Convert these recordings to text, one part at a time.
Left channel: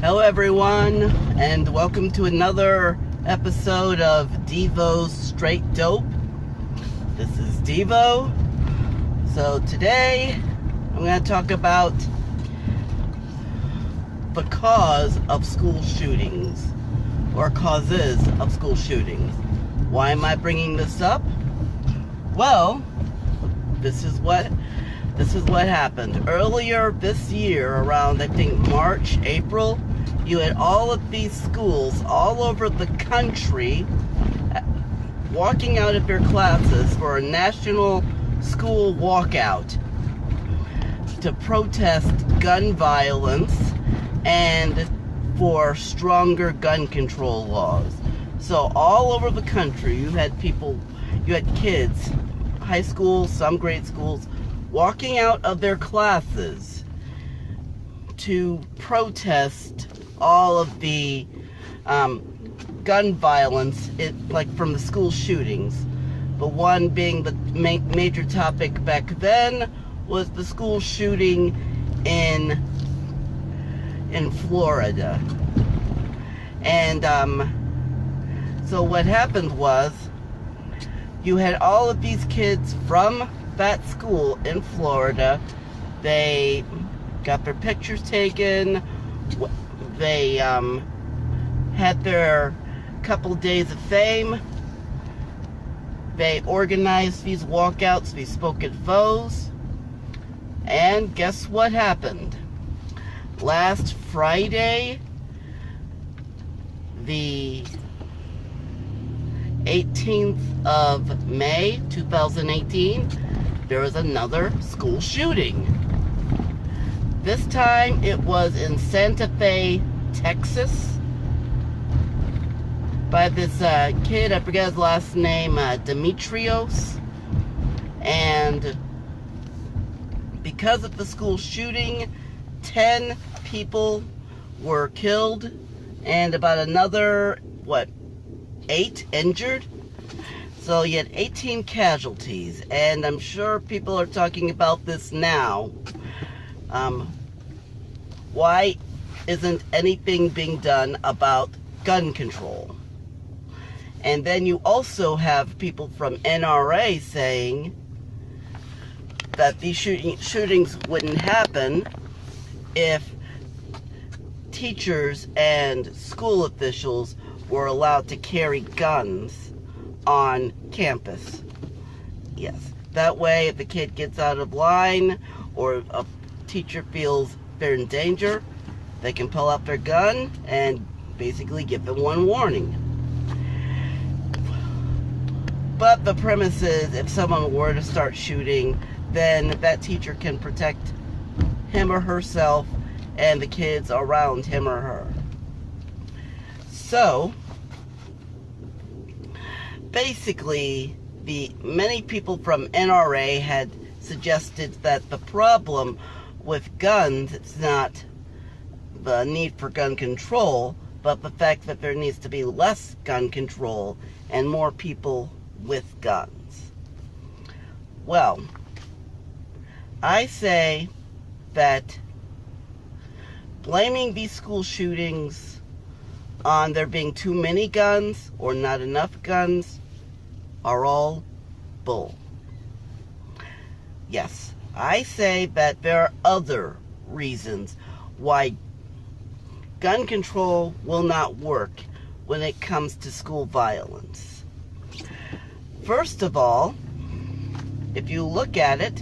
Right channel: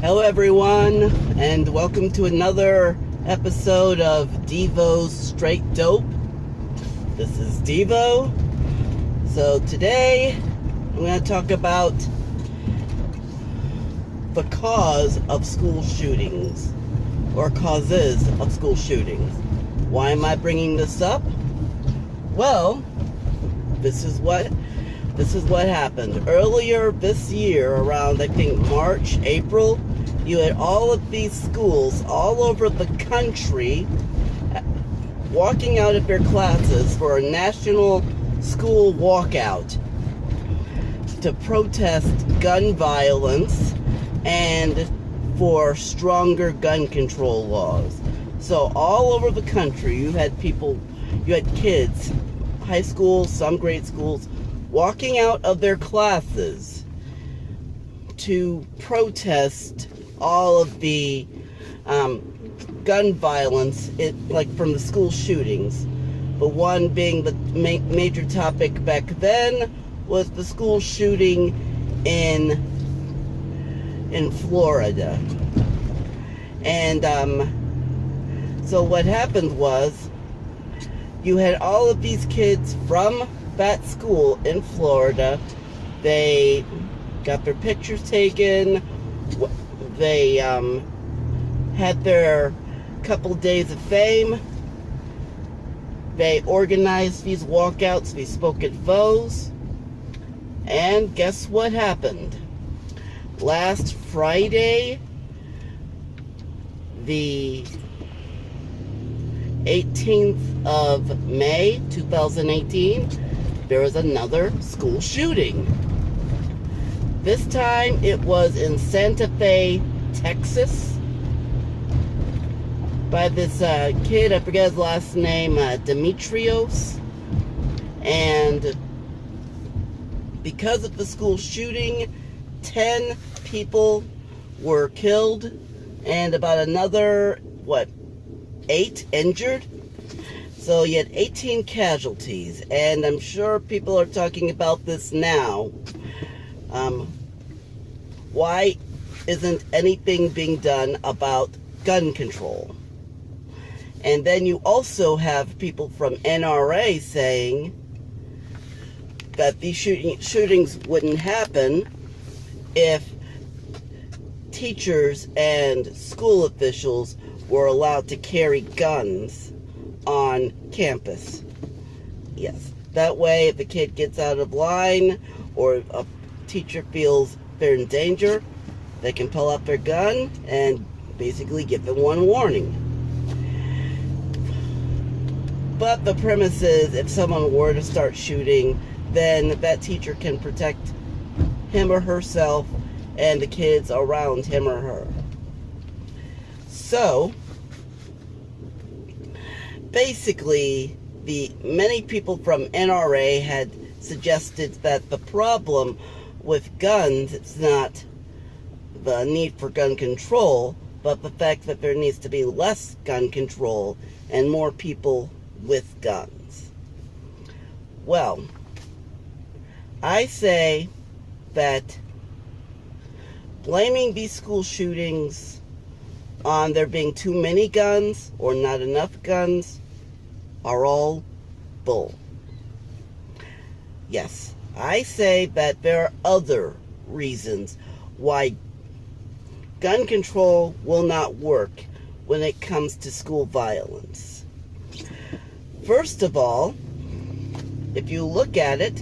Hello everyone, and welcome to another episode of Devo's Straight Dope. This is Devo. So today, I'm going to talk about the cause of school shootings, or causes of school shootings. Why am I bringing this up? Well, this is what happened. Earlier this year, around I think March, April, you had all of these schools all over the country walking out of their classes for a national school walkout to protest gun violence and for stronger gun control laws. So all over the country, you had kids, high school, some grade schools, walking out of their classes to protest all of the gun violence, like from the school shootings. The one being the major topic back then was the school shooting in Florida. And so what happened was, you had all of these kids from that school in Florida. They got their pictures taken. They had their couple days of fame. They organized these walkouts, these spoke at foes. And guess what happened? Last Friday, the 18th of May, 2018, there was another school shooting. This time it was in Santa Fe, Texas, by this kid, I forget his last name, Demetrios. And because of the school shooting, 10 people were killed and about another, 8 injured. So you had 18 casualties, and I'm sure people are talking about this now. Why isn't anything being done about gun control? And then you also have people from NRA saying that these shootings wouldn't happen if teachers and school officials were allowed to carry guns on campus. Yes, that way if a kid gets out of line or a teacher feels they're in danger, they can pull out their gun and basically give them one warning. But the premise is, if someone were to start shooting, then that teacher can protect him or herself and the kids around him or her. So basically, many people from NRA had suggested that the problem with guns, it's not the need for gun control, but the fact that there needs to be less gun control and more people with guns. Well, I say that blaming these school shootings on there being too many guns or not enough guns are all bull. Yes, I say that there are other reasons why gun control will not work when it comes to school violence. First of all, if you look at it,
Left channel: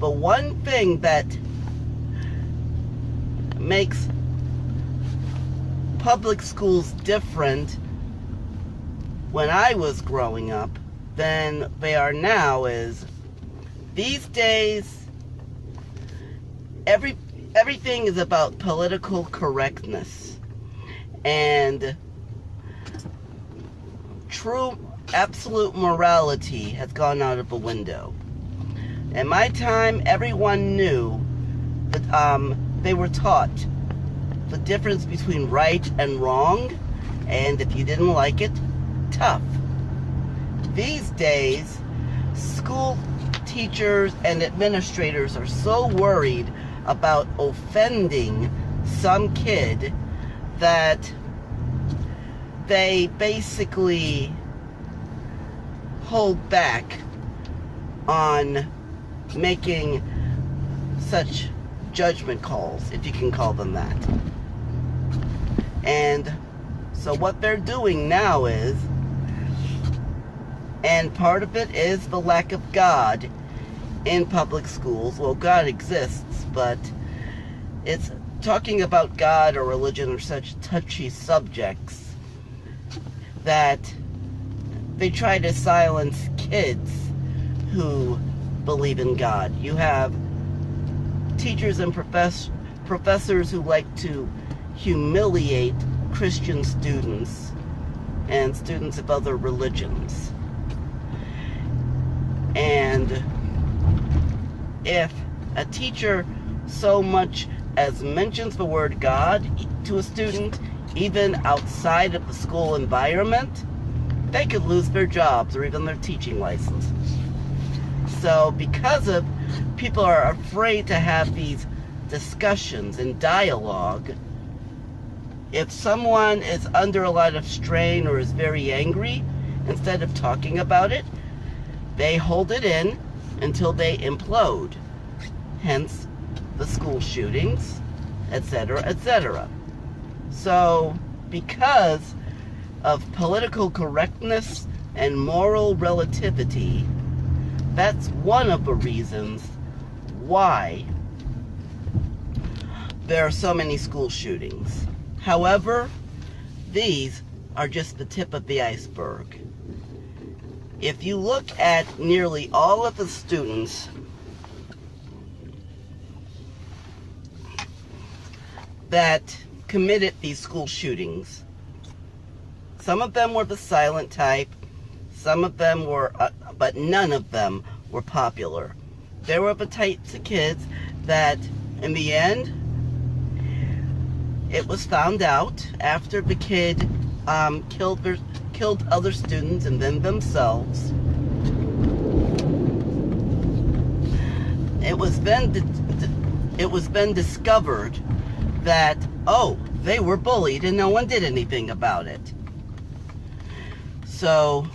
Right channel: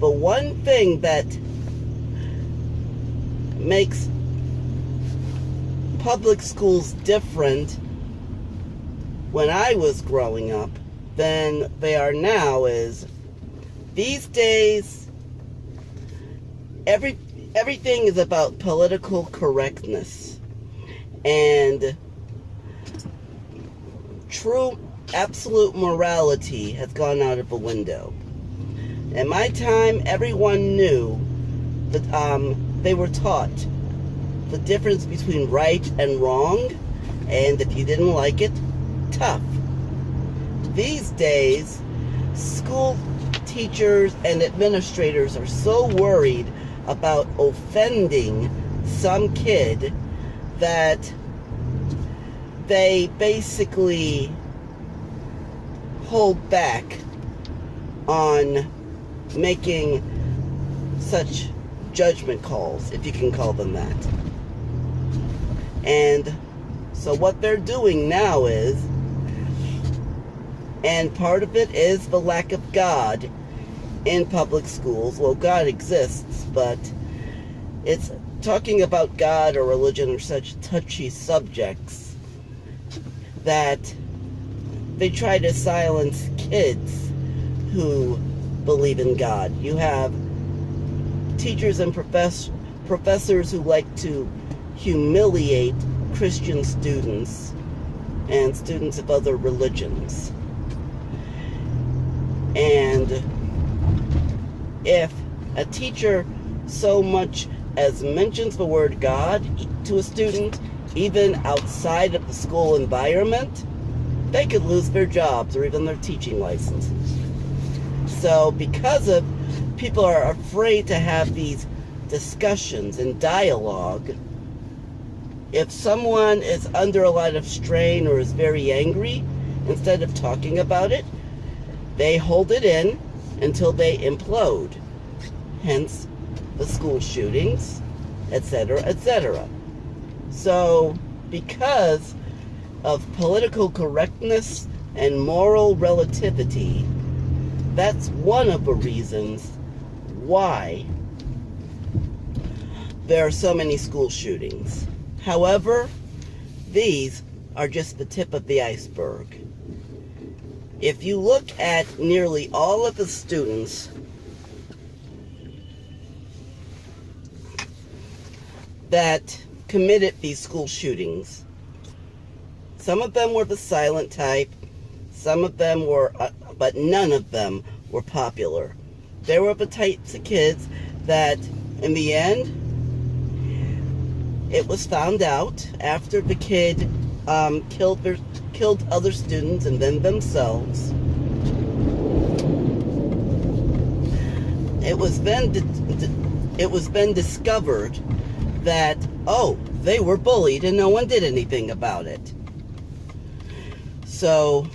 the one thing that makes public schools different when I was growing up than they are now is, these days everything is about political correctness, and true absolute morality has gone out of the window. In my time, everyone knew that they were taught the difference between right and wrong, and if you didn't like it, tough. These days, school teachers and administrators are so worried about offending some kid that they basically hold back on making such judgment calls, if you can call them that. And so what they're doing now is, and part of it is the lack of God in public schools. Well, God exists, but it's talking about God or religion or such touchy subjects that they try to silence kids who believe in God. You have teachers and professors who like to humiliate Christian students and students of other religions. And if a teacher so much as mentions the word God to a student, even outside of the school environment, they could lose their jobs or even their teaching license. So because of people are afraid to have these discussions and dialogue, if someone is under a lot of strain or is very angry, instead of talking about it, they hold it in until they implode. Hence the school shootings, etc., etc. So because of political correctness and moral relativity, that's one of the reasons why there are so many school shootings. However, these are just the tip of the iceberg. If you look at nearly all of the students that committed these school shootings, some of them were the silent type, some of them were, but none of them were popular. There were the types of kids that, in the end, it was found out after the kid killed other students and then themselves. It was then discovered that, oh, they were bullied and no one did anything about it. So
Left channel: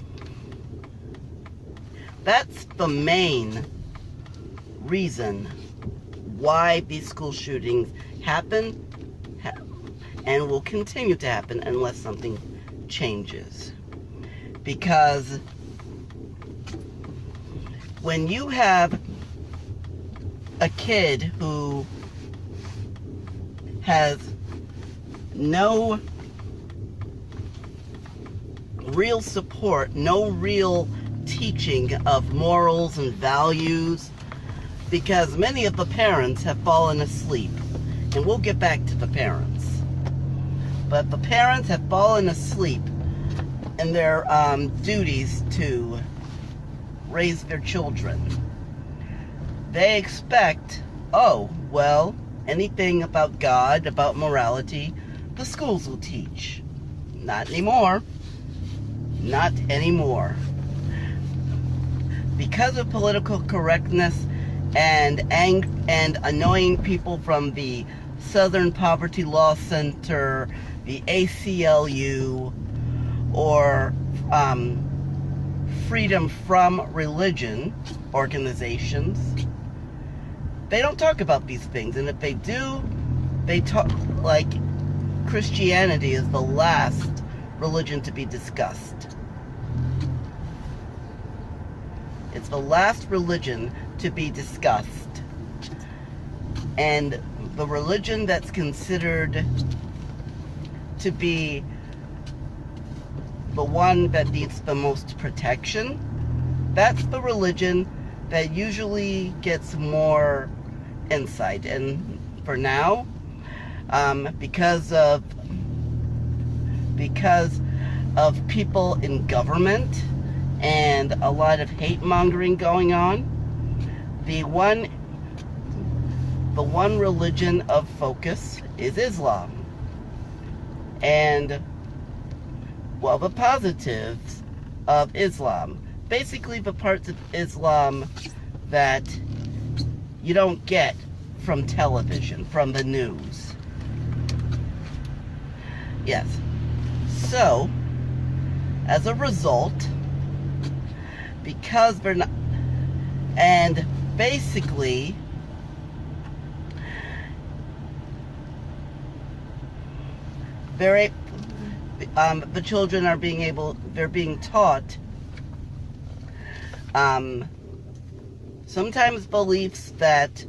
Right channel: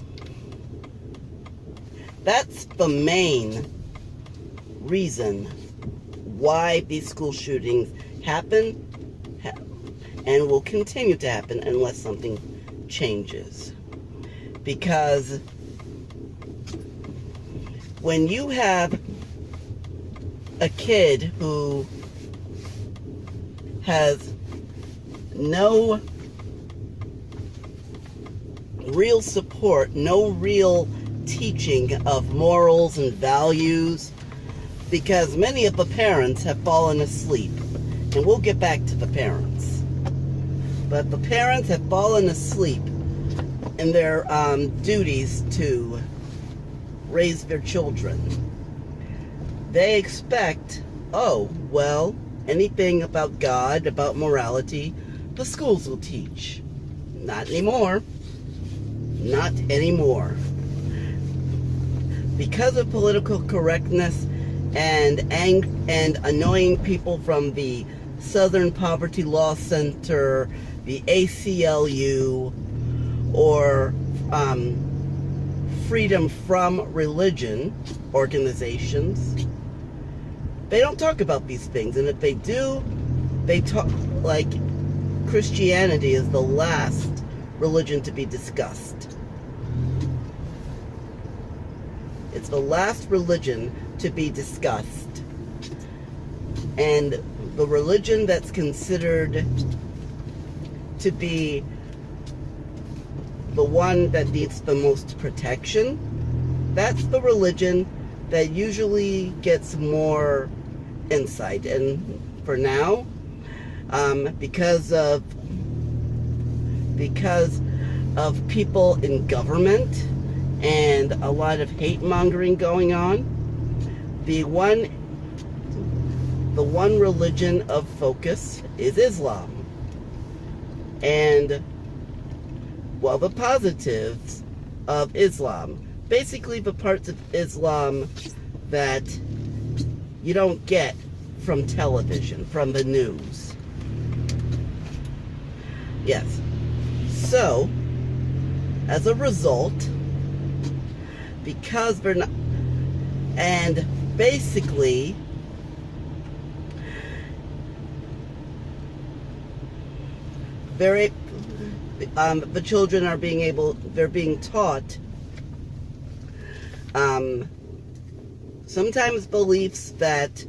that's the main reason why these school shootings happen and will continue to happen unless something changes. Because when you have a kid who has no real support, no real teaching of morals and values, because many of the parents have fallen asleep, and we'll get back to the parents. But the parents have fallen asleep in their duties to raise their children. They expect, oh, well, anything about God, about morality, the schools will teach. Not anymore. Not anymore. Because of political correctness and annoying people from the Southern Poverty Law Center, the ACLU, or Freedom from Religion organizations, they don't talk about these things. And if they do, they talk like Christianity is the last religion to be discussed. It's the last religion to be discussed. And the religion that's considered to be the one that needs the most protection, that's the religion that usually gets more insight. And for now, because of people in government and a lot of hate mongering going on, the one religion of focus is Islam. And, well, the positives of Islam, basically the parts of Islam that you don't get from television, from the news. Yes. So, as a result, because we're not, and basically, the children are they're being taught sometimes beliefs that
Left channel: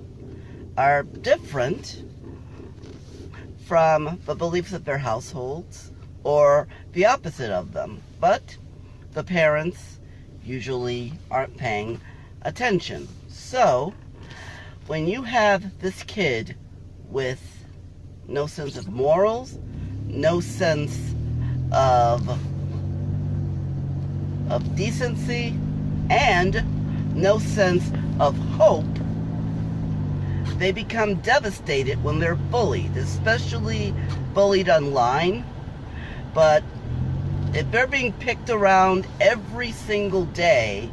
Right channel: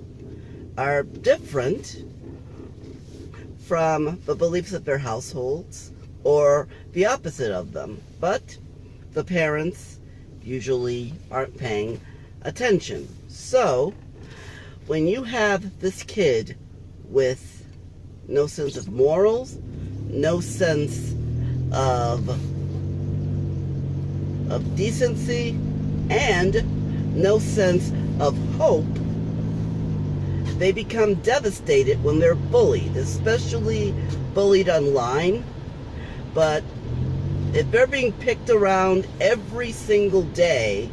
are different from the beliefs of their households, or the opposite of them. But the parents usually aren't paying attention. So, when you have this kid with no sense of morals, no sense of decency, and no sense of hope, they become devastated when they're bullied, especially bullied online. But if they're being picked around every single day,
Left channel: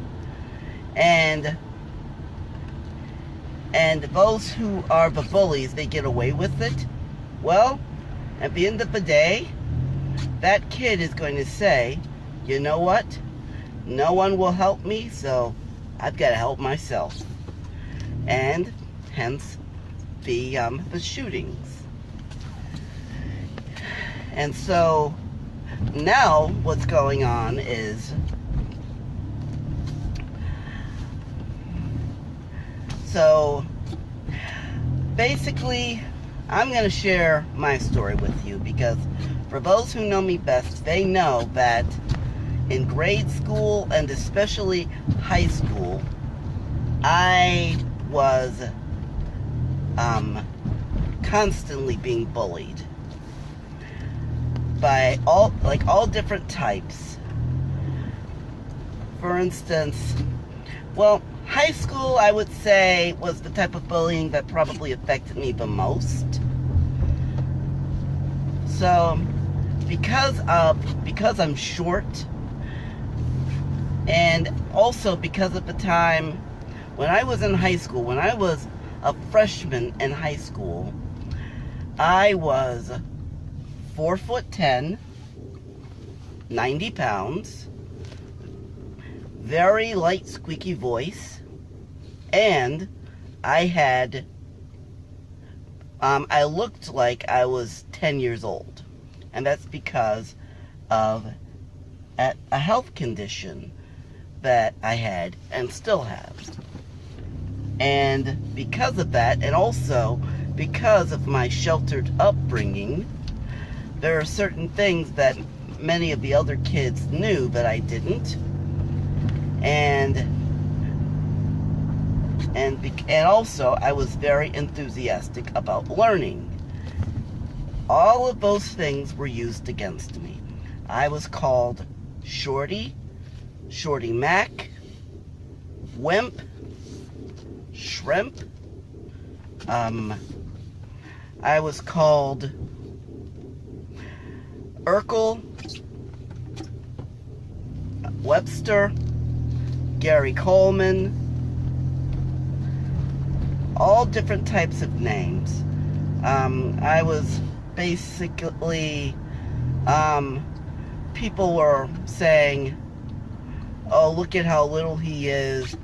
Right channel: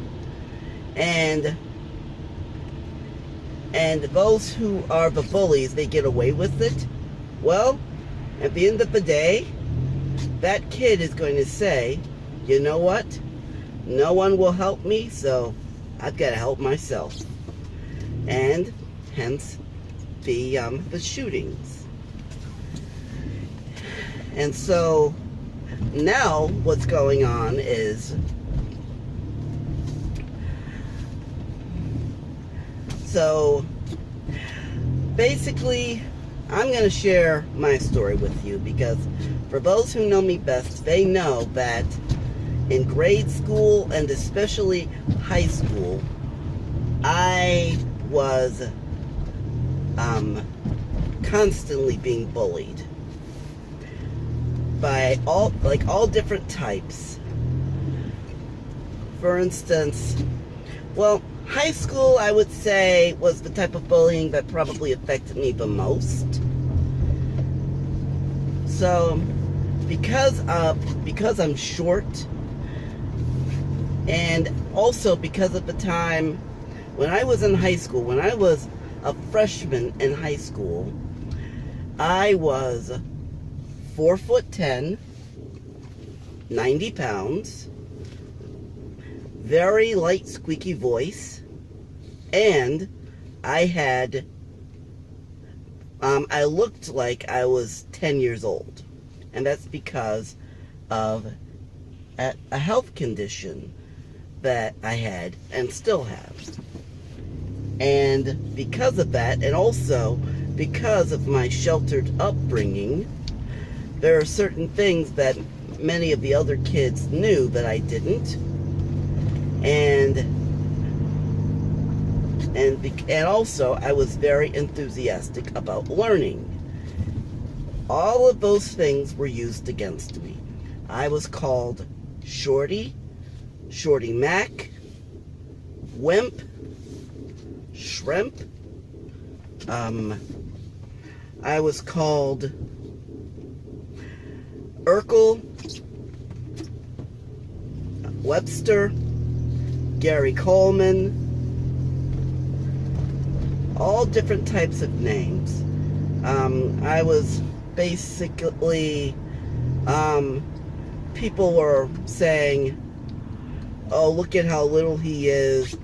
and those who are the bullies, they get away with it, well, at the end of the day, that kid is going to say, you know what? No one will help me, so I've got to help myself. And hence the shootings. And so now what's going on is, so basically I'm going to share my story with you, because for those who know me best, they know that in grade school and especially high school, I was constantly being bullied by all different types. For instance, well, high school, I would say, was the type of bullying that probably affected me the most. So, because I'm short, and also because of the time when I was in high school, when I was a freshman in high school, I was 4'10", 90 pounds, very light, squeaky voice, and I looked like I was 10 years old. And that's because of a health condition that I had and still have. And because of that, and also because of my sheltered upbringing, there are certain things that many of the other kids knew that I didn't. And also I was very enthusiastic about learning. All of those things were used against me. I was called Shorty, Shorty Mac, Wimp, Shrimp. I was called Urkel, Webster, Gary Coleman, all different types of names. I was basically, people were saying, oh, look at how little he is.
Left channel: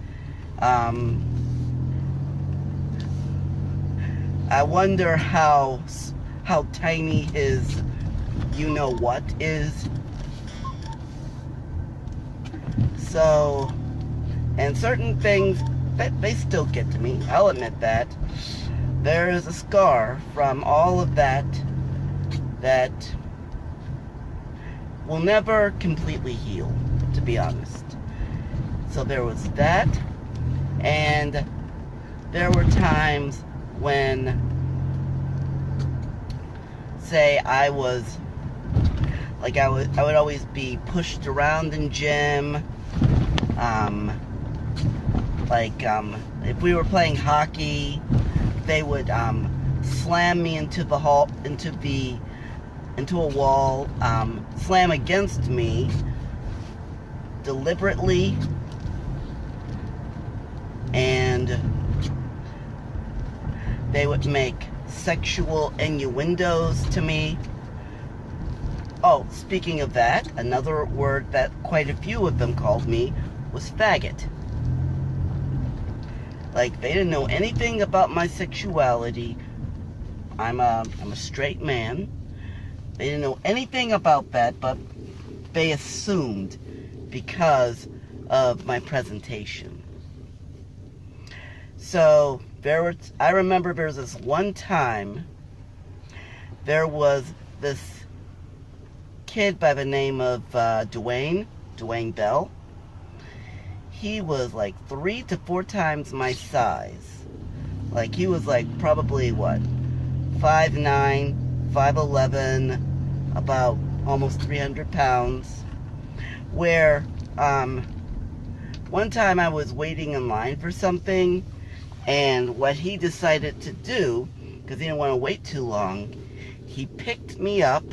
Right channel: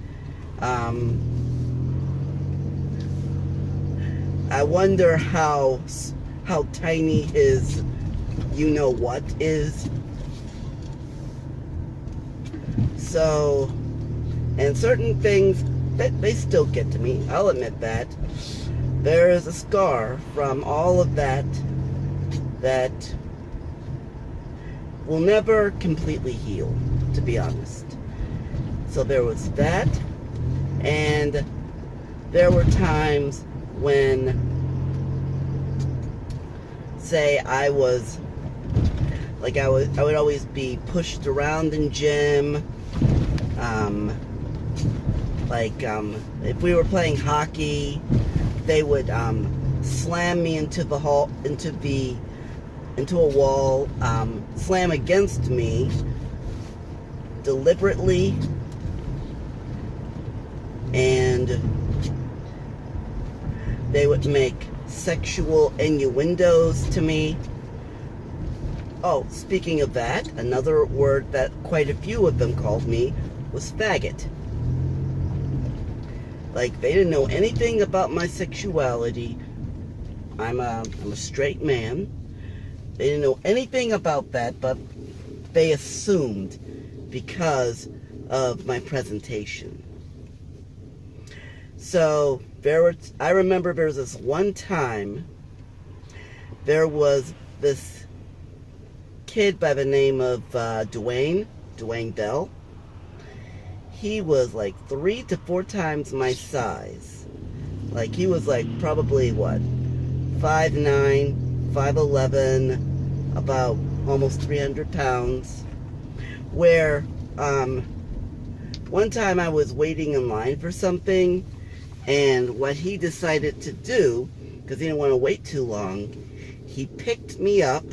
I wonder how tiny his you-know-what is. So, and certain things, that they still get to me, I'll admit that. There is a scar from all of that that will never completely heal, to be honest. So there was that, and there were times when, say, I would always be pushed around in gym. If we were playing hockey, they would slam me into a wall, slam against me deliberately, and they would make sexual innuendos to me. Oh, speaking of that, another word that quite a few of them called me was faggot. Like, they didn't know anything about my sexuality. I'm a straight man. They didn't know anything about that, but they assumed because of my presentation. So I remember there was this one time, there was this kid by the name of Dwayne Bell. He was like 3 to 4 times my size. Like, he was like probably what, 5'9", 5'11", about almost 300 pounds. Where one time I was waiting in line for something, and what he decided to do, because he didn't want to wait too long, he picked me up,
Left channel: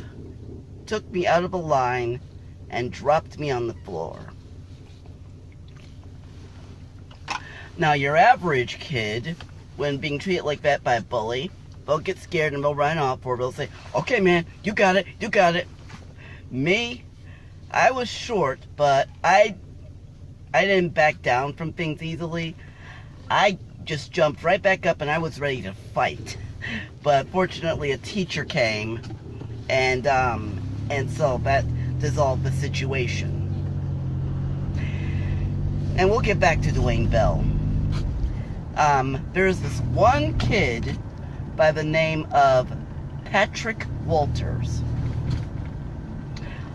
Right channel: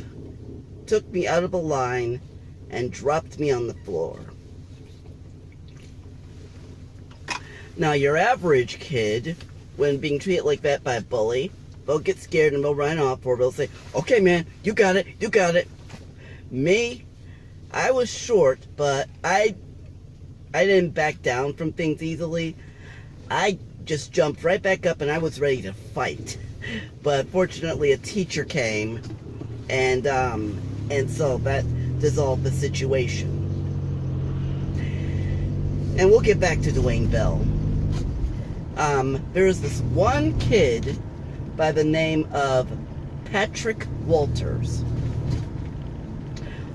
took me out of the line, and dropped me on the floor. Now, your average kid, when being treated like that by a bully, they'll get scared and they'll run off, or they'll say, okay man, you got it, you got it. Me, I was short, but I didn't back down from things easily. I just jumped right back up and I was ready to fight. But fortunately a teacher came, and so that dissolved the situation. And we'll get back to Dwayne Bell. There's this one kid by the name of Patrick Walters.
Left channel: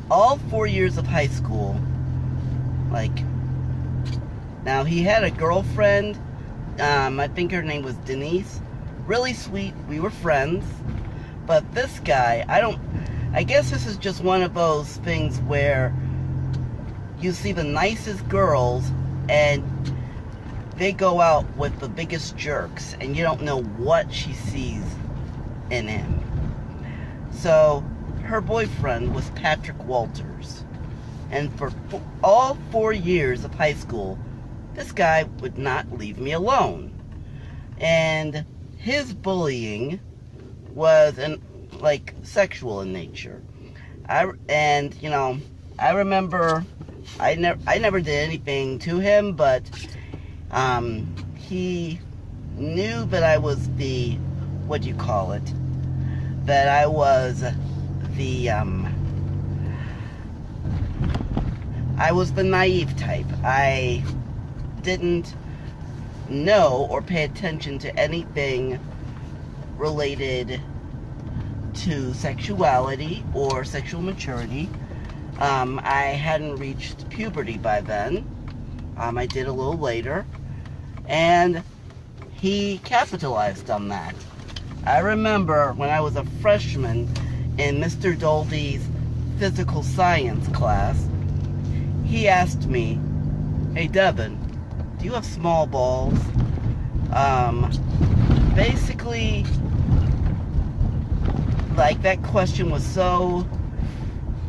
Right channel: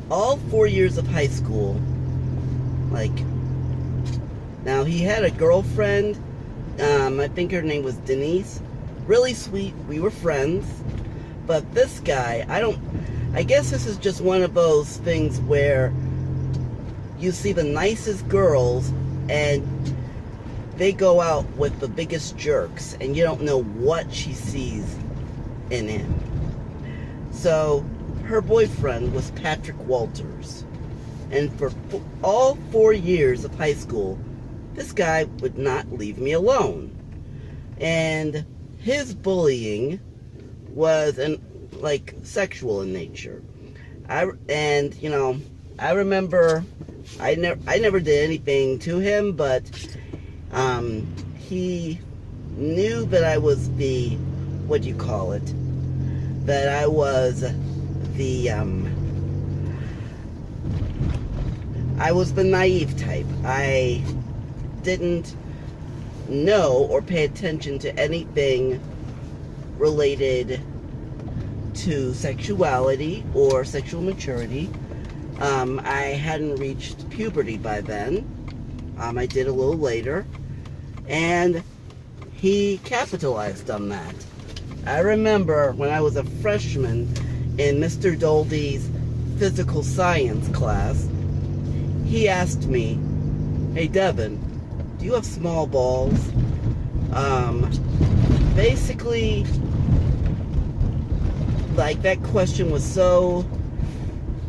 All 4 years of high school, like, now he had a girlfriend, I think her name was Denise, really sweet, we were friends, but this guy, I guess this is just one of those things where you see the nicest girls and they go out with the biggest jerks and you don't know what she sees in him. So her boyfriend was Patrick Walters, and for all 4 years of high school, this guy would not leave me alone. And his bullying was like sexual in nature. I remember I never did anything to him, but he knew that I was the, what do you call it? That I was the naive type. I didn't know or pay attention to anything related to sexuality or sexual maturity. I hadn't reached puberty by then. I did a little later, and he capitalized on that. I remember when I was a freshman in Mr. Doldy's physical science class, he asked me, hey Devin, do you have small balls? Basically, like, that question was so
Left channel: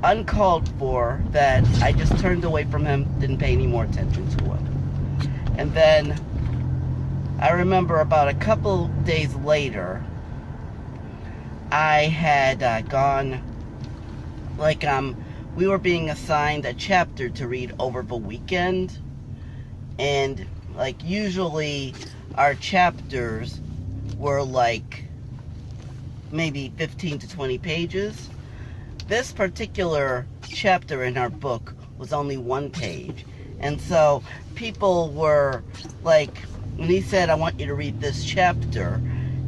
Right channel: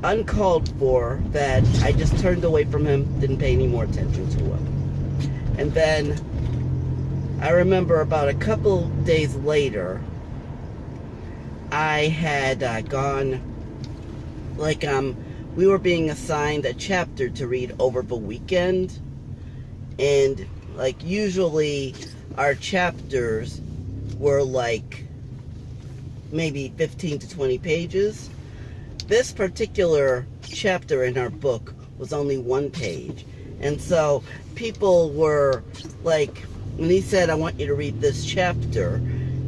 uncalled for that I just turned away from him, didn't pay any more attention to it. And then I remember about a couple days later, I had gone, like, we were being assigned a chapter to read over the weekend, and like usually our chapters were like maybe 15 to 20 pages. This particular chapter in our book was only 1 page, and so people were like, when he said, I want you to read this chapter,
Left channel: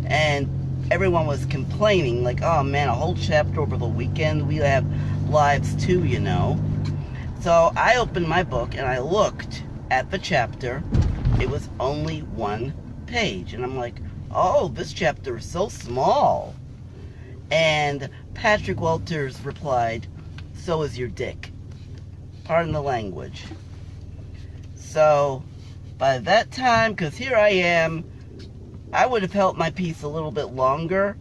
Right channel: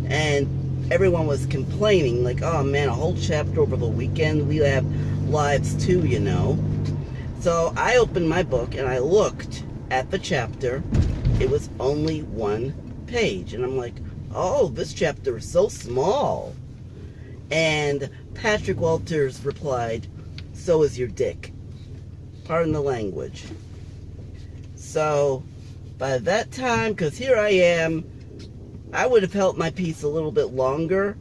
and everyone was complaining, like, oh man, a whole chapter over the weekend, we have lives too, you know. So I opened my book and I looked at the chapter. It was only 1 page, and I'm like, oh, this chapter is so small. And Patrick Walters replied, so is your dick. Pardon the language. So by that time, because here I am, I would have held my peace a little bit longer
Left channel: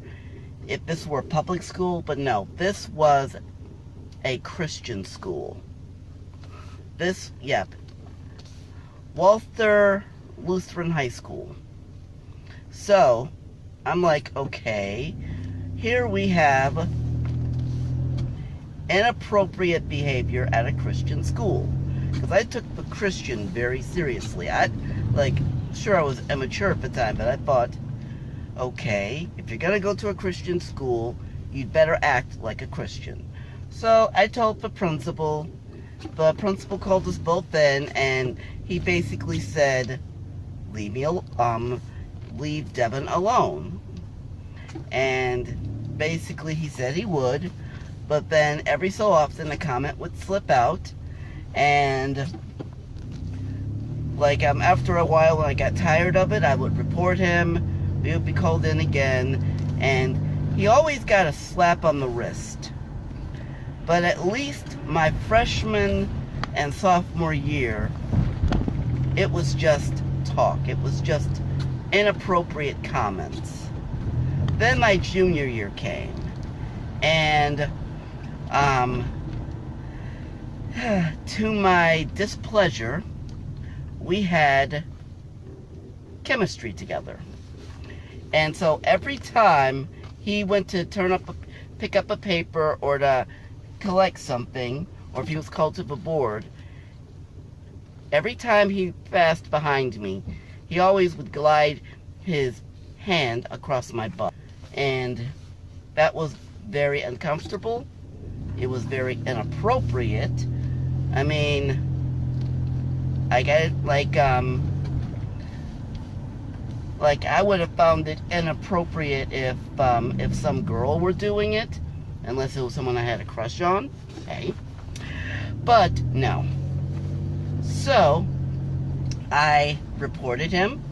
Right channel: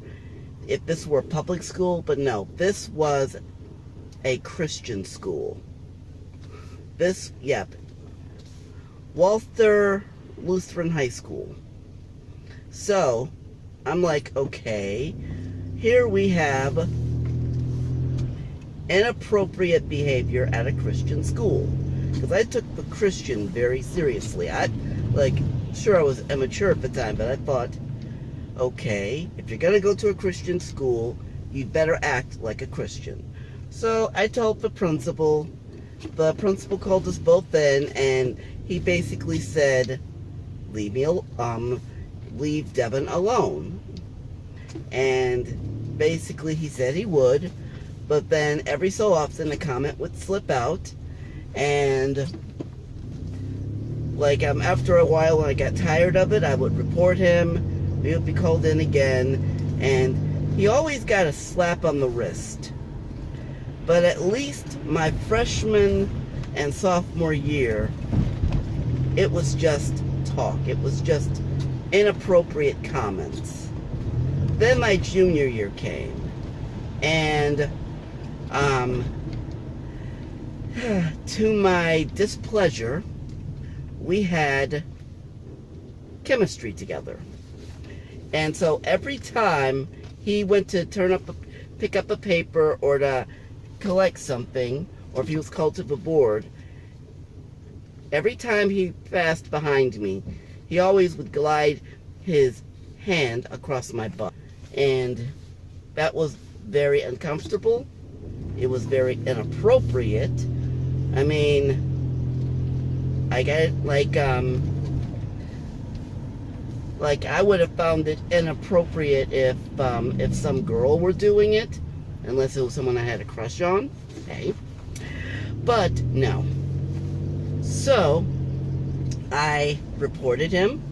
if this were a public school, but no, this was a Christian school. Walther Lutheran High School. So I'm like, okay, here we have inappropriate behavior at a Christian school. Because I took the Christian very seriously. Sure, I was immature at the time, but I thought, okay, if you're going to go to a Christian school, you'd better act like a Christian. So I told the principal. The principal called us both in, and he basically said, leave Devin alone. And basically he said he would, but then every so often a comment would slip out, and after a while, when I got tired of it, I would report him. He would be called in again, and he always got a slap on the wrist. But at least my freshman and sophomore year, it was just talk. It was just inappropriate comments. Then my junior year came, and to my displeasure, we had chemistry together. And so every time he went to pick up a paper or to collect something, or if he was called to the board, every time he passed behind me, he always would glide his hand across my butt. And that was very uncomfortable. It was very inappropriate. I mean, I would have found it inappropriate if some girl were doing it, unless it was someone I had a crush on. Okay. But no. So I reported him,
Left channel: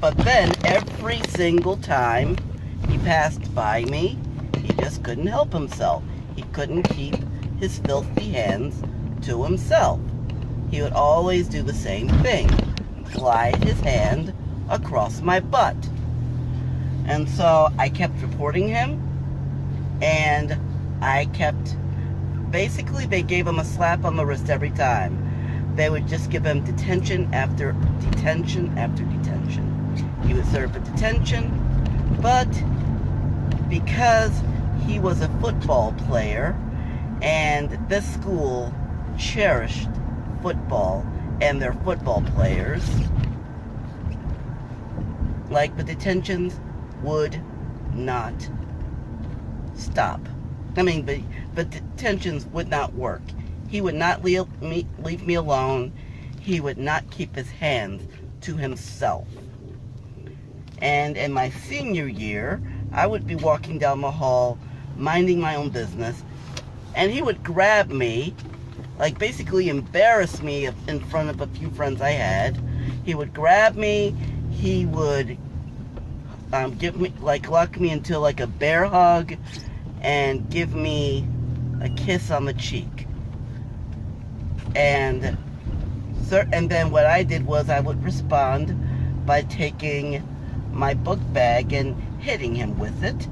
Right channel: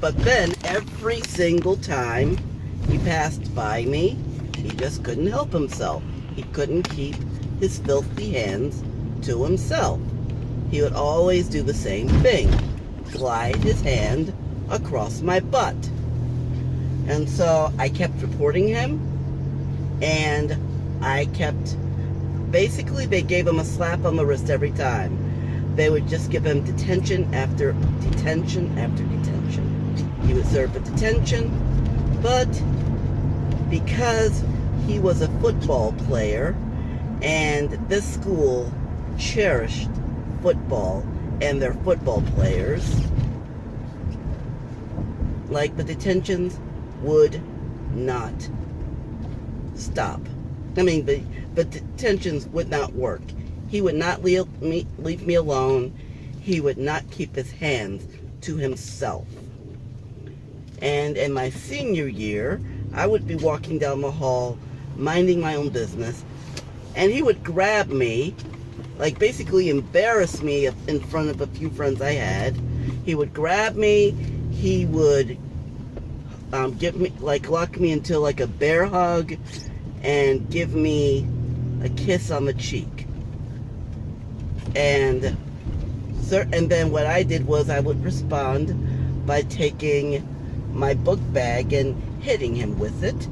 but then every single time he passed by me, he just couldn't help himself. He couldn't keep his filthy hands to himself. He would always do the same thing, glide his hand across my butt. And so I kept reporting him, and basically they gave him a slap on the wrist every time. They would just give him detention after detention after detention. He would serve a detention, but because he was a football player, and this school cherished football and their football players, the detentions would not stop. I mean, but detentions would not work. He would not leave me alone. He would not keep his hands to himself. And in my senior year, I would be walking down the hall, minding my own business, and he would grab me, basically embarrass me in front of a few friends I had. He would grab me. He would give me, lock me into a bear hug, and give me a kiss on the cheek. And then what I did was I would respond by taking my book bag and hitting him with it,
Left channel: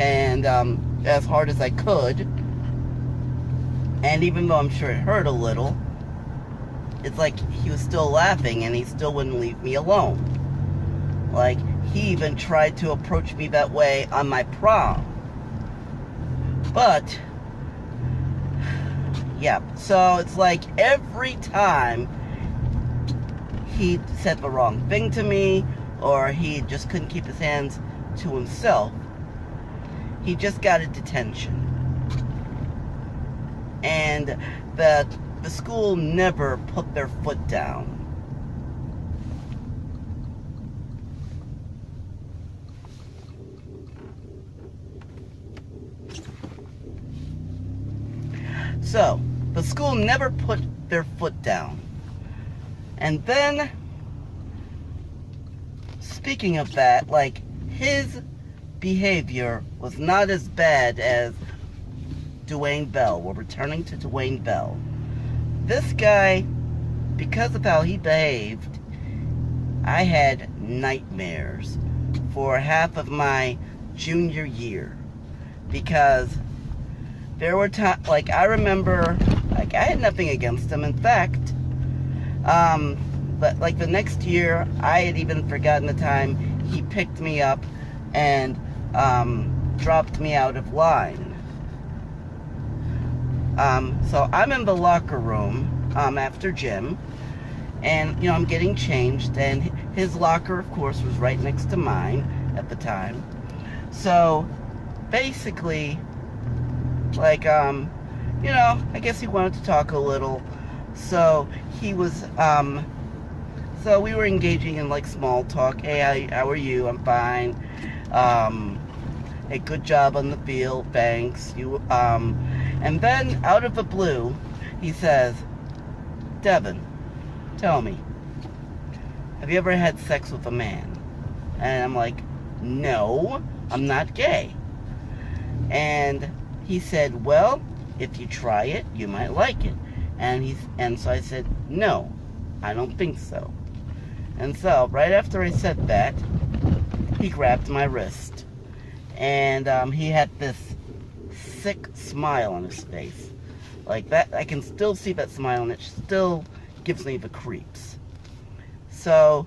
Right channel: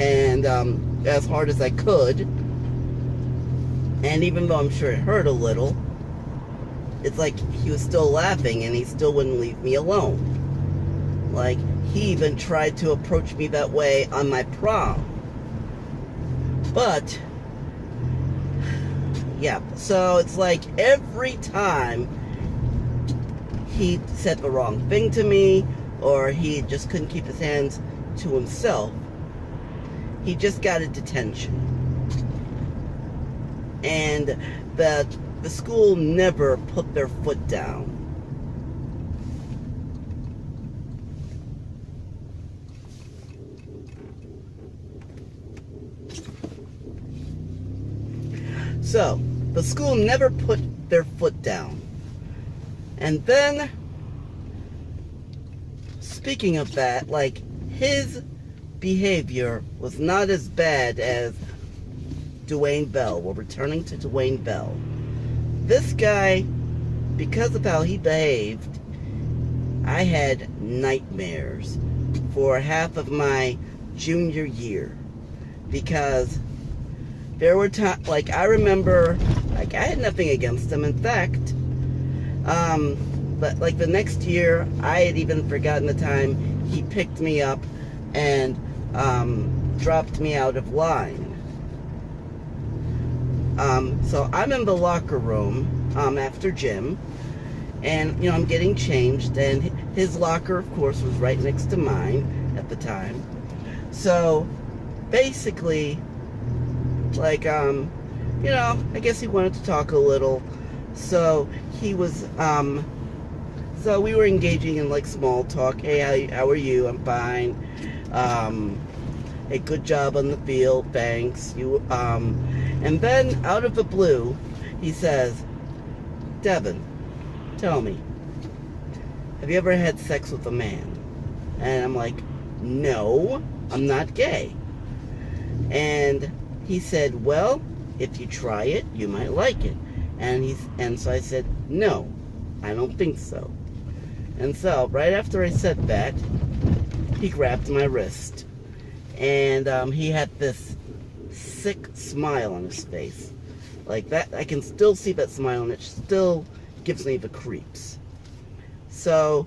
and as hard as I could. And even though I'm sure it hurt a little, it's like he was still laughing, and he still wouldn't leave me alone. He even tried to approach me that way on my prom. But yeah, so it's every time he said the wrong thing to me, or he just couldn't keep his hands to himself, he just got a detention. And the school never put their foot down. So, the school never put their foot down. And then, speaking of that, his behavior was not as bad as Dwayne Bell. We're returning to Dwayne Bell. This guy, because of how he behaved, I had nightmares for half of my junior year. Because there were times, I remember, I had nothing against him. In fact, but the next year, I had even forgotten the time he picked me up and dropped me out of line. So I'm in the locker room after gym, and I'm getting changed, and his locker, of course, was right next to mine at the time. So basically, like, I guess he wanted to talk a little. So he was, so we were engaging in like small talk. Hey, how are you? I'm fine. Hey, good job on the field. Thanks. And then out of the blue, he says, Devin, tell me, have you ever had sex with a man? And I'm like, no, I'm not gay. And he said, well, if you try it, you might like it. And so I said, no, I don't think so. And so right after I said that, he grabbed my wrist. And he had this sick smile on his face. Like that, I can still see that smile, and it still gives me the creeps. So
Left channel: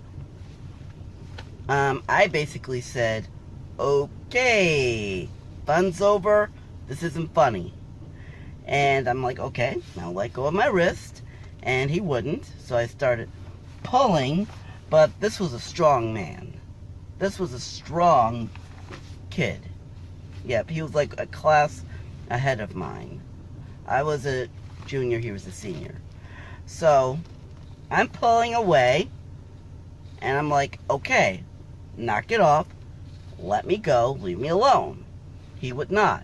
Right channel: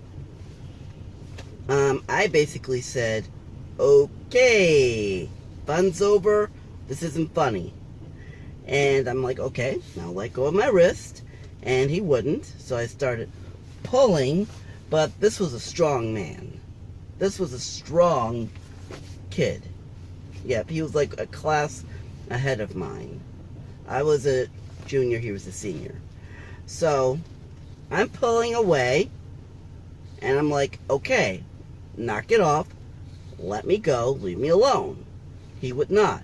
I basically said, okay, fun's over, this isn't funny. And I'm like, okay, I'll let go of my wrist. And he wouldn't, so I started pulling, but this was a strong man. This was a strong kid. Yep, he was like a class ahead of mine. I was a junior, he was a senior. So I'm pulling away, and I'm like, okay, knock it off, let me go, leave me alone. He would not.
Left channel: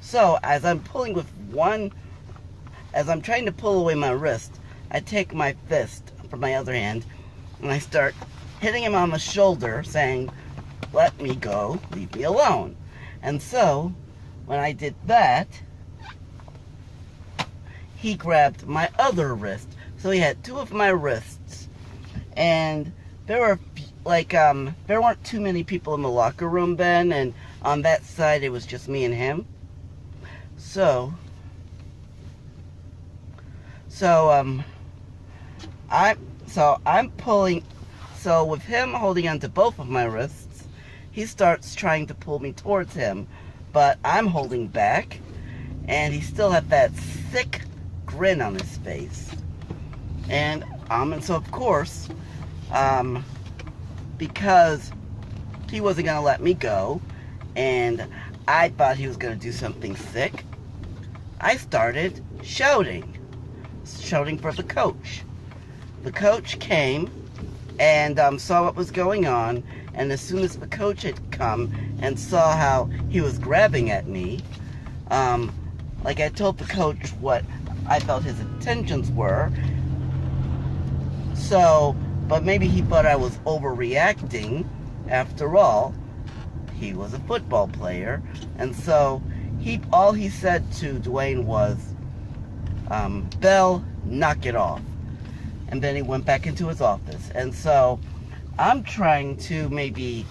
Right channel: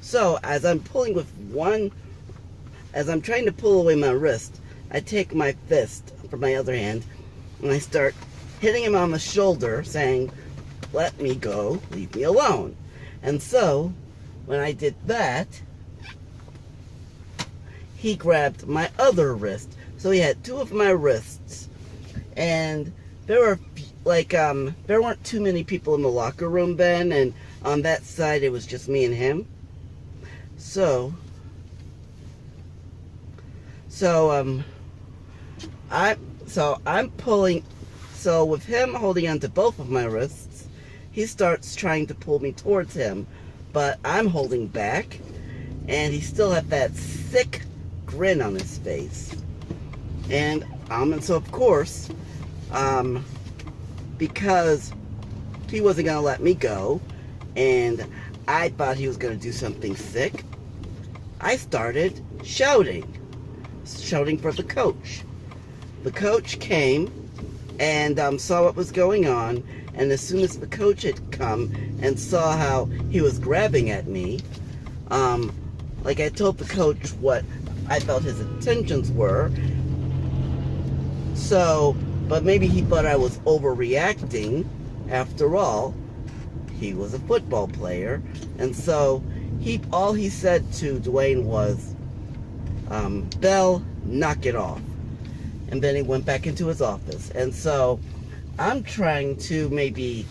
So as I'm pulling with as I'm trying to pull away my wrist, I take my fist from my other hand, and I start hitting him on the shoulder, saying, let me go, leave me alone. And so when I did that, he grabbed my other wrist. So he had two of my wrists. And there were there weren't too many people in the locker room then, and on that side it was just me and him. So I'm pulling. So with him holding onto both of my wrists, he starts trying to pull me towards him, but I'm holding back, and he still had that sick grin on his face. And so of course, because he wasn't gonna let me go, and I thought he was gonna do something sick, I started shouting for the coach. The coach came and saw what was going on, and as soon as the coach had come and saw how he was grabbing at me, like I told the coach what I felt his intentions were. So, but maybe he thought I was overreacting. After all, he was a football player, and so all he said to Dwayne was, Bell, knock it off. And then he went back into his office. And so I'm trying to maybe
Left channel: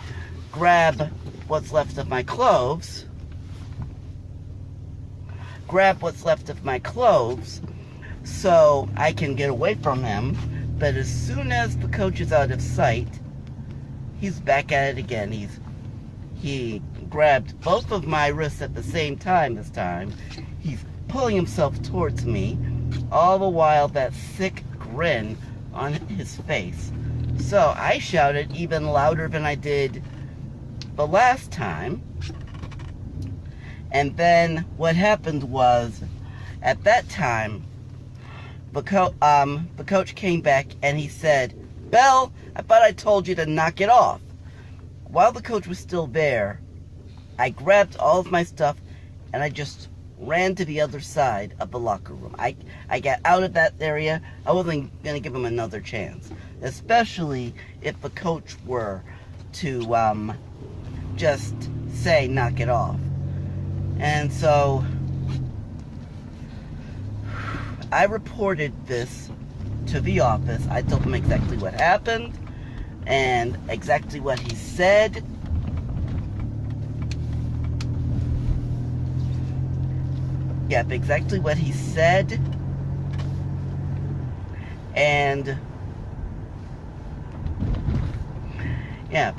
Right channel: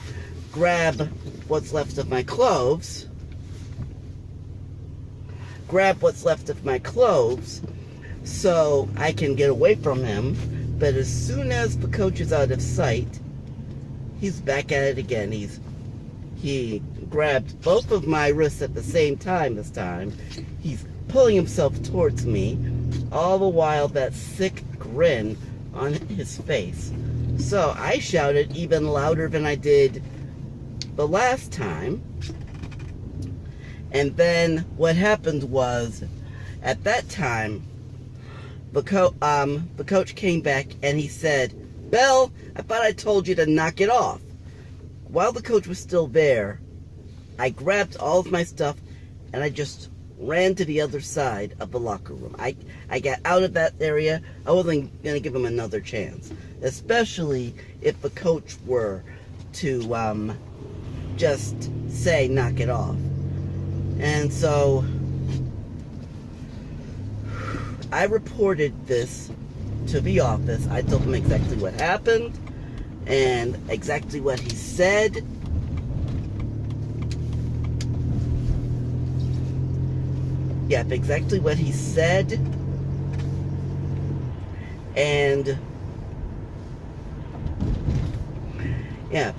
grab what's left of my clothes, so I can get away from him. But as soon as the coach is out of sight, he's back at it again. He grabbed both of my wrists at the same time this time. He's pulling himself towards me, all the while that sick grin on his face. So I shouted even louder than I did the last time. And then what happened was, at that time, the coach came back and he said, Bell, I thought I told you to knock it off. While the coach was still there, I grabbed all of my stuff and I just ran to the other side of the locker room. I got out of that area. I wasn't going to give him another chance, especially if the coach were to just say, knock it off. And so I reported this to the office. I told them exactly what happened and exactly what he said. Yep, exactly what he said. And yeah,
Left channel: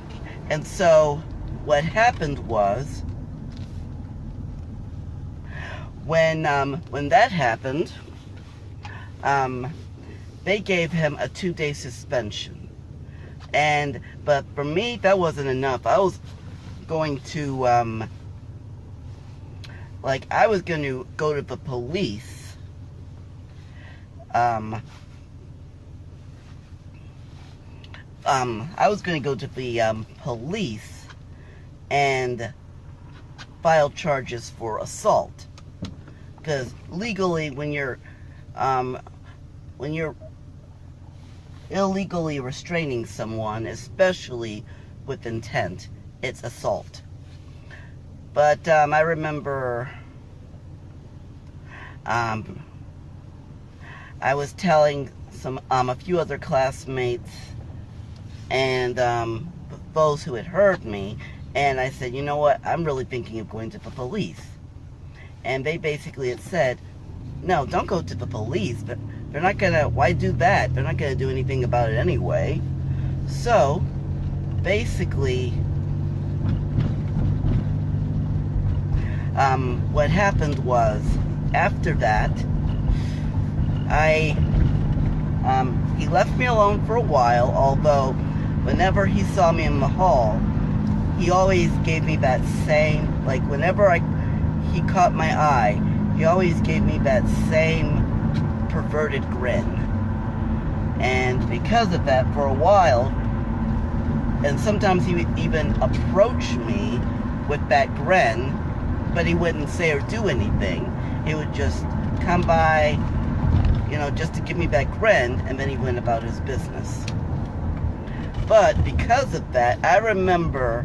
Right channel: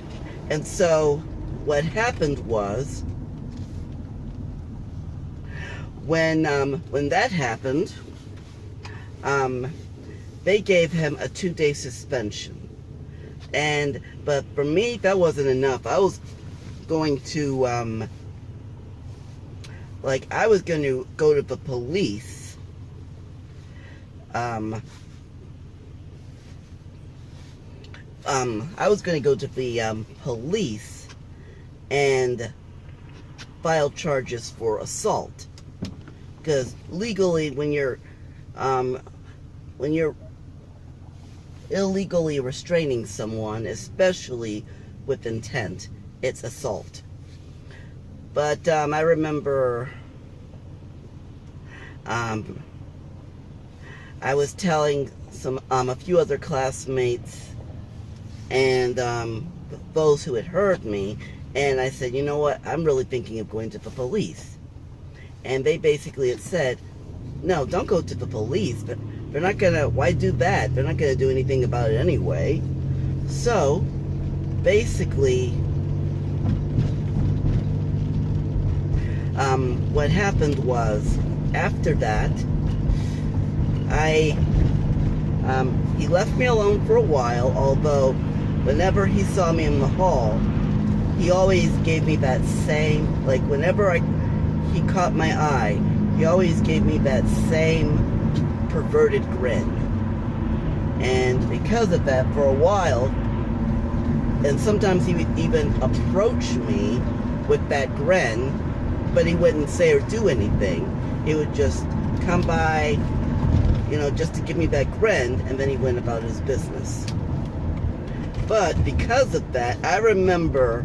and so what happened was, when that happened, they gave him a 2-day suspension. But for me, that wasn't enough. I was going to, I was going to go to the police. I was going to go to the police and file charges for assault. Because legally, when you're illegally restraining someone, especially with intent, it's assault. But I remember I was telling a few other classmates and those who had heard me, and I said, you know what, I'm really thinking of going to the police. And they basically had said, no, don't go to the police. They're not gonna, why do that? They're not gonna do anything about it anyway. So, basically, what happened was, after that, he left me alone for a while, although whenever he saw me in the hall, he always gave me that same, whenever he caught my eye, he always gave me that same perverted grin. And because of that, for a while, and sometimes he would even approach me with that grin, but he wouldn't say or do anything. He would just come by, just to give me that grin, and then he went about his business. But because of that, I remember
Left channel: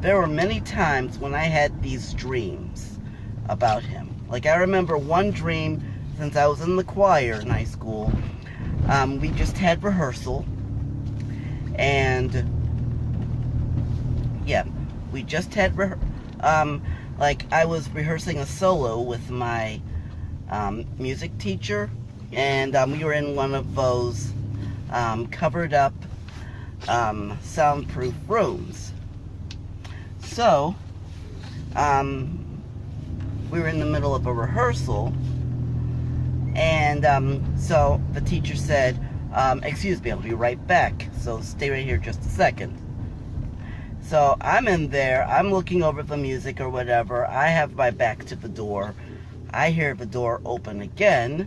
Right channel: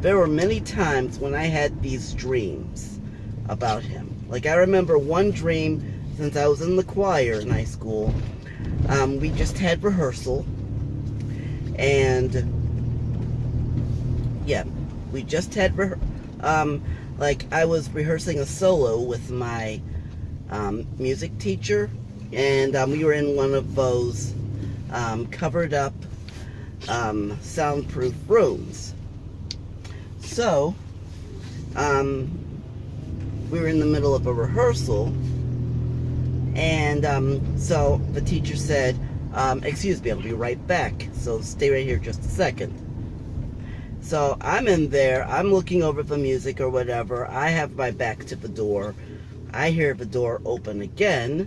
there were many times when I had these dreams about him. I remember one dream, since I was in the choir in high school, we just had rehearsal, and yeah, we just had I was rehearsing a solo with my music teacher, and we were in one of those covered up soundproof rooms. So we were in the middle of a rehearsal, and so the teacher said, excuse me, I'll be right back, so stay right here just a second. So I'm in there, I'm looking over the music or whatever, I have my back to the door, I hear the door open again,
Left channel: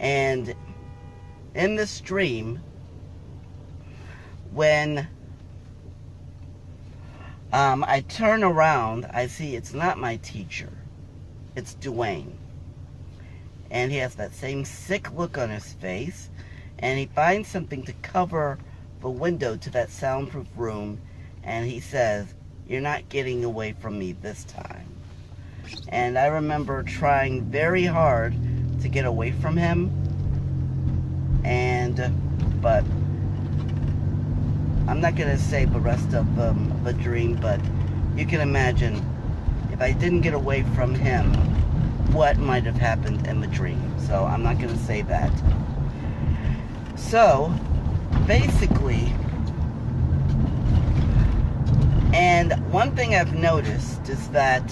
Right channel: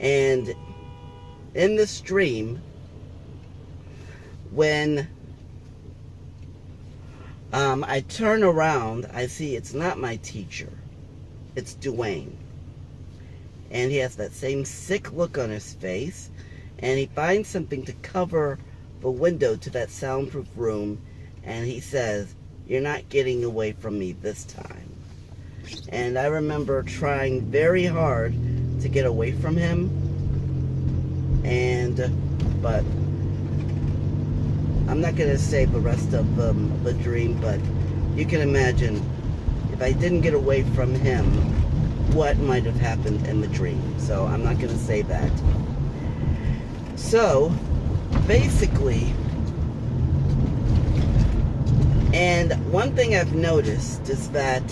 and in this dream, when I turn around, I see it's not my teacher, it's Dwayne. And he has that same sick look on his face, and he finds something to cover the window to that soundproof room, and he says, "You're not getting away from me this time." And I remember trying very hard to get away from him, but I'm not going to say the rest of the dream, but you can imagine if I didn't get away from him, what might have happened in the dream. So I'm not going to say that. So basically, and one thing I've noticed is that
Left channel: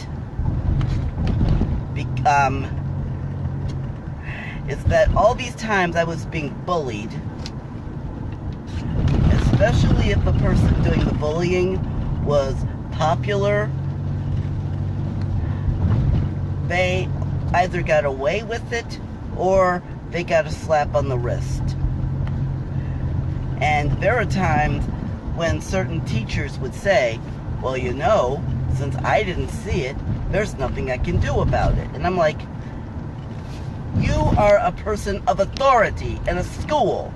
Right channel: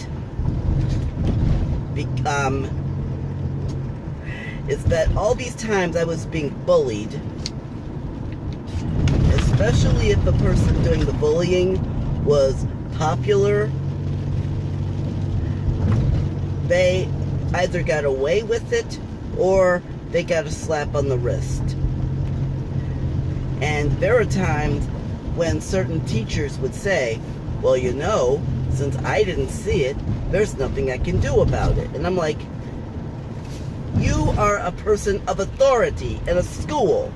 all these times I was being bullied, especially if the person doing the bullying was popular, they either got away with it or they got a slap on the wrist. And there are times when certain teachers would say, well, since I didn't see it, there's nothing I can do about it. And I'm like, you are a person of authority in a school.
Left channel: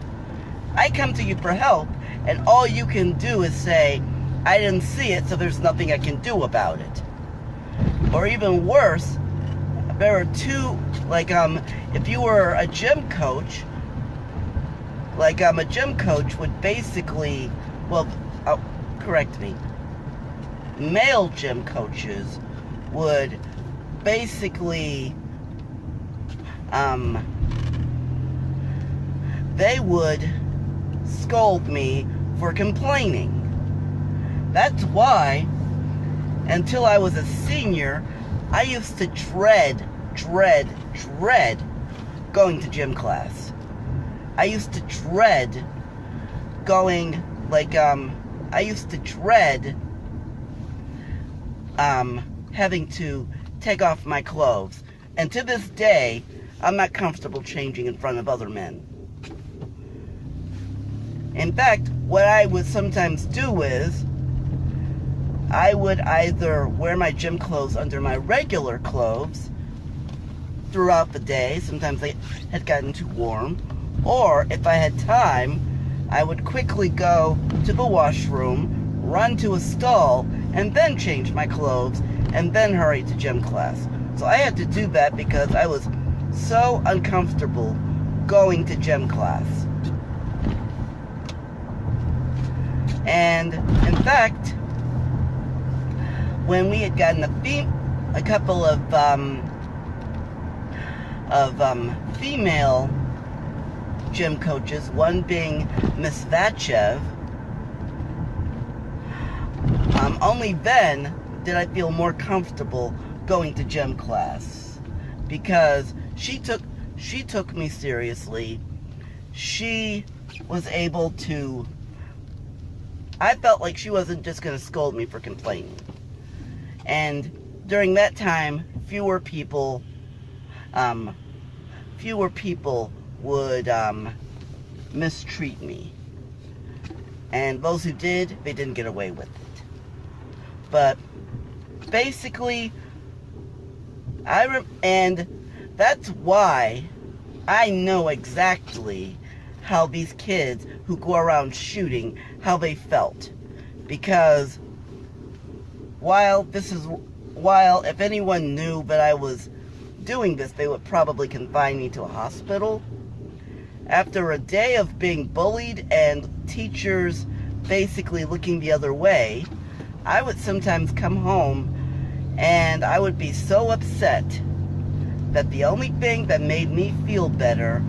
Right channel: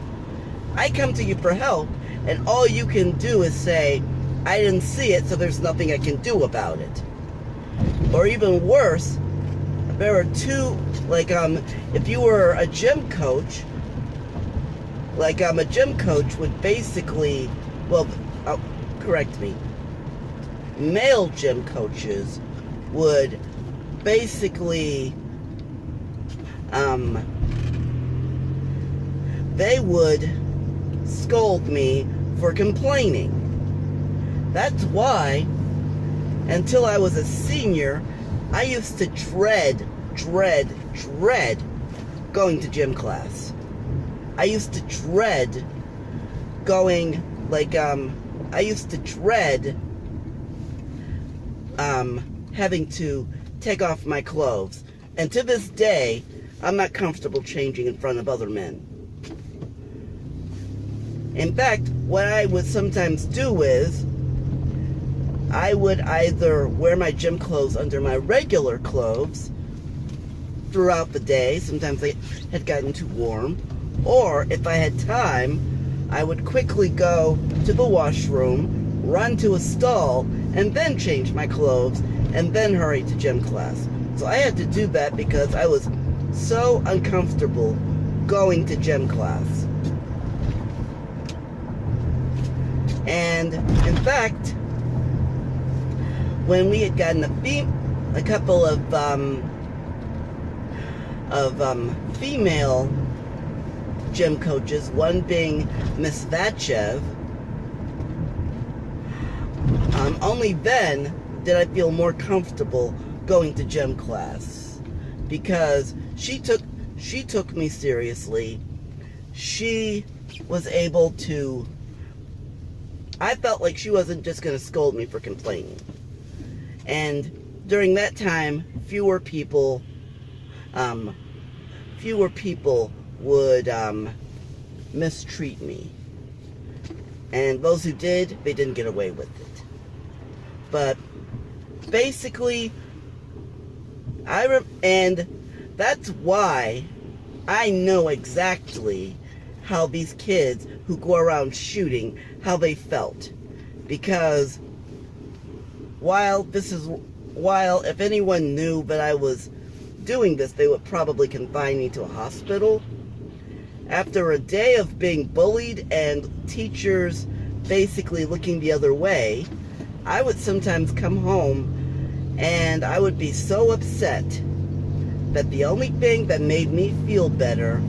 I come to you for help, and all you can do is say, I didn't see it, so there's nothing I can do about it. Or even worse, there are two, if you were a gym coach, a gym coach would basically, correct me, male gym coaches would basically, they would scold me for complaining. That's why, until I was a senior, I used to dread going to gym class. I used to dread going, I used to dread having to take off my clothes. And to this day, I'm not comfortable changing in front of other men. In fact, what I would sometimes do is, I would either wear my gym clothes under my regular clothes throughout the day. Sometimes they had gotten too warm. Or if I had time, I would quickly go to the washroom, run to a stall, and then change my clothes, and then hurry to gym class. So I had to do that because I was so uncomfortable going to gym class. And in fact, when we had gotten a couple of female gym coaches, one being Miss Vachev, only then did I feel more comfortable going to gym class, because she took me seriously. She was able to, I felt like she wasn't just going to scold me for complaining. And during that time, fewer people would mistreat me. And those who did, they didn't get away with it. But basically, and that's why I know exactly how these kids who go around shooting, how they felt. Because while if anyone knew that I was doing this, they would probably confine me to a hospital. After a day of being bullied and teachers basically looking the other way, I would sometimes come home and I would be so upset that the only thing that made me feel better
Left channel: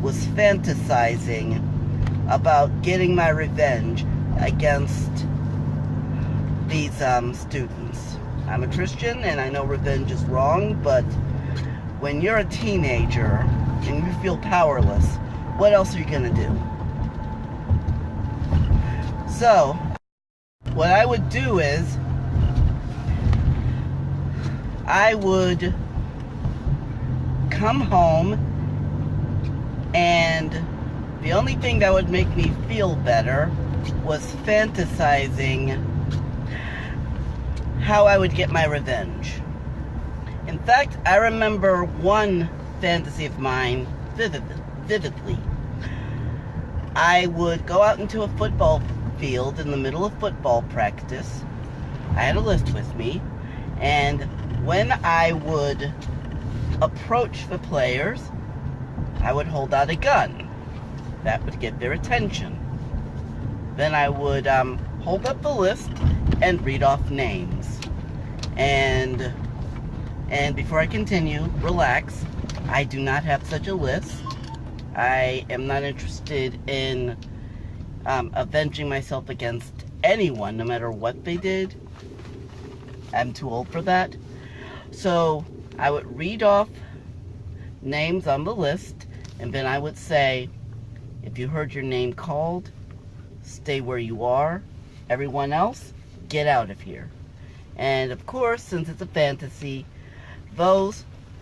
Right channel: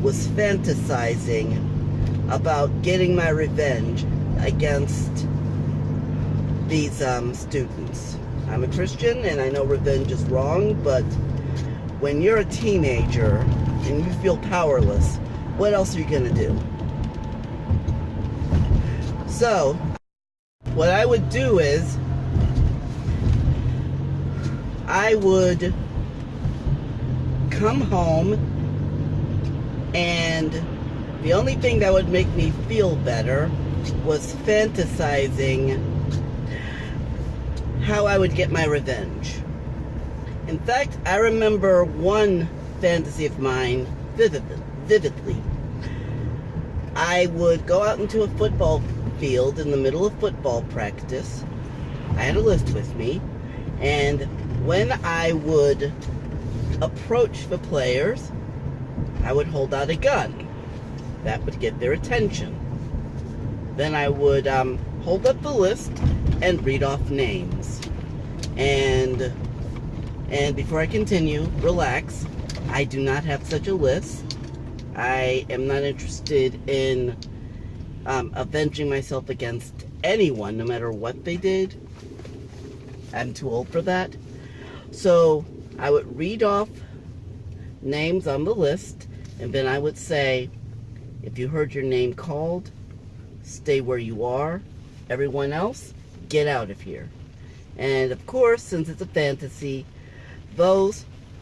was fantasizing about getting my revenge against these students. I'm a Christian and I know revenge is wrong, but when you're a teenager and you feel powerless, what else are you gonna do? So, what I would do is, I would come home, and the only thing that would make me feel better was fantasizing how I would get my revenge. In fact, I remember one fantasy of mine vividly. I would go out into a football field in the middle of football practice. I had a list with me, and when I would approach the players, I would hold out a gun. That would get their attention. Then I would hold up the list and read off names. And before I continue, relax. I do not have such a list. I am not interested in avenging myself against anyone, no matter what they did. I'm too old for that. So I would read off names on the list, and then I would say, if you heard your name called, stay where you are. Everyone else, get out of here. And of course, since it's a fantasy,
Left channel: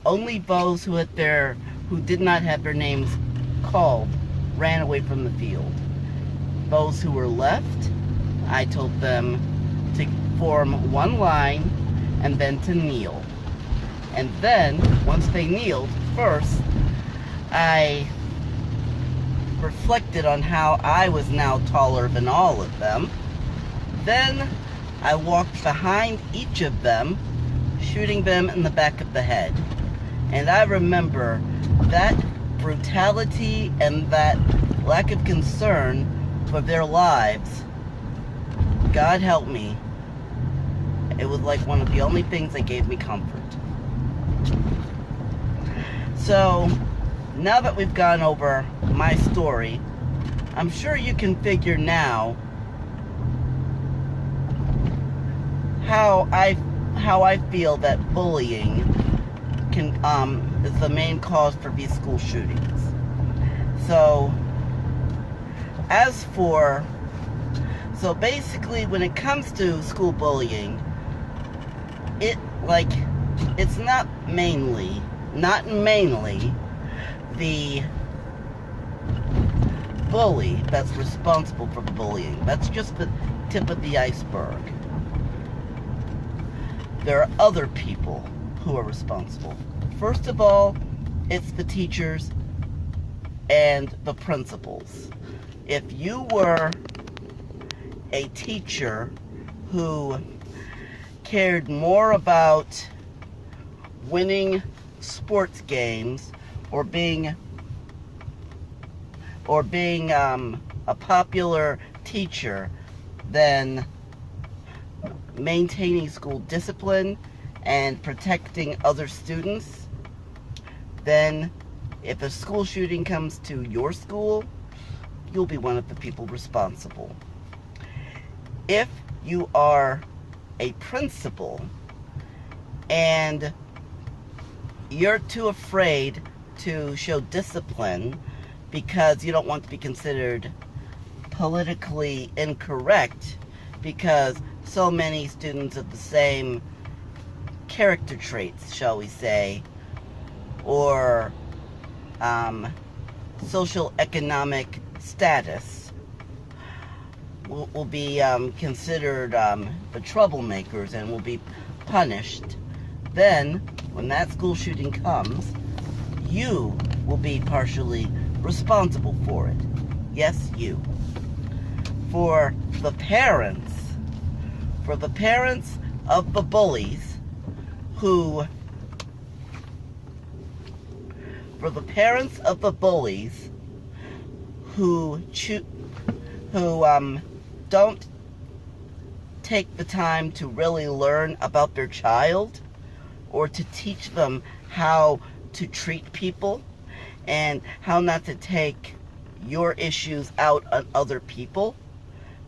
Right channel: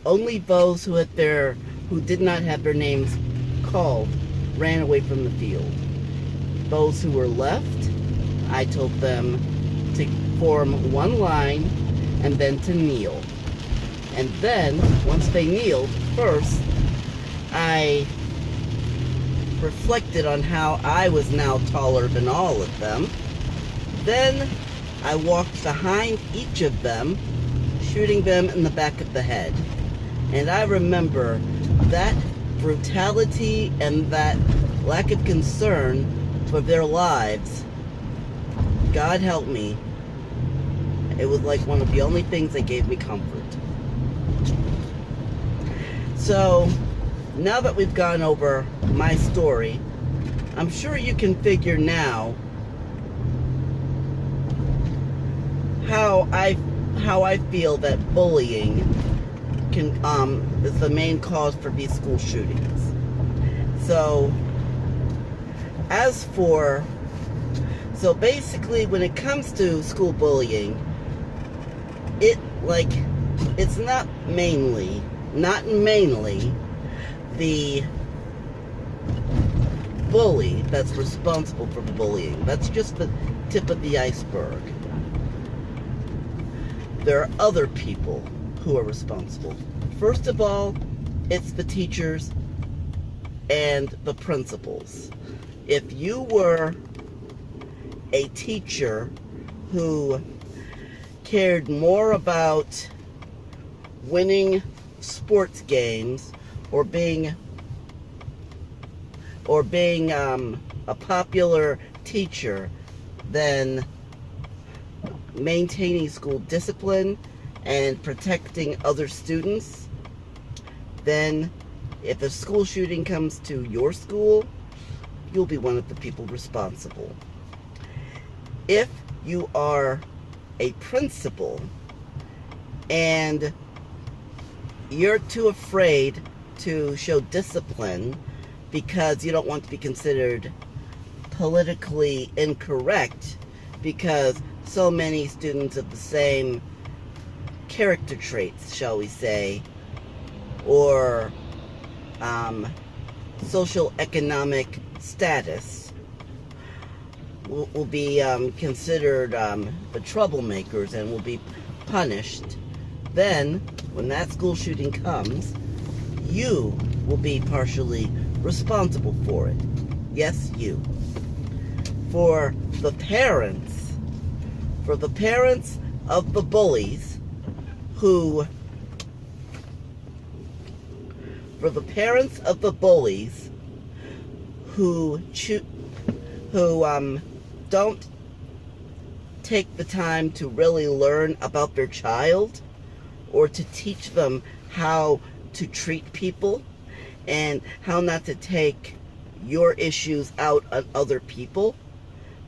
only those who did not have their names called ran away from the field. Those who were left, I told them to form one line and then to kneel. And then, once they kneeled, first, I reflected on how I was now taller than all of them. Then, I walked behind each of them, shooting them in the back of the head. And I remember that brutality and that lack of concern for their lives. God help me. It was like one of the only things that gave me comfort. So, now that we've gone over my story, I'm sure you can figure now how how I feel that bullying is the main cause for these school shootings. So basically, when it comes to school bullying, it's not mainly the bully that's responsible for the bullying. That's just the tip of the iceberg. There are other people who are responsible. First of all, it's the teachers and the principals. If you were a teacher who cared more about winning sports games or being a popular teacher than maintaining school discipline and protecting other students, then if a school shooting comes to your school, you'll be one of the people responsible. If you are a principal and you're too afraid to show discipline because you don't want to be considered politically incorrect because so many students of the same character traits, shall we say, or social economic status will be considered the troublemakers and will be punished, then when that school shooting comes, you will be partially responsible for it. Yes, you. For the parents of the bullies who don't take the time to really learn about their child or to teach them how to treat people and how not to take your issues out on other people,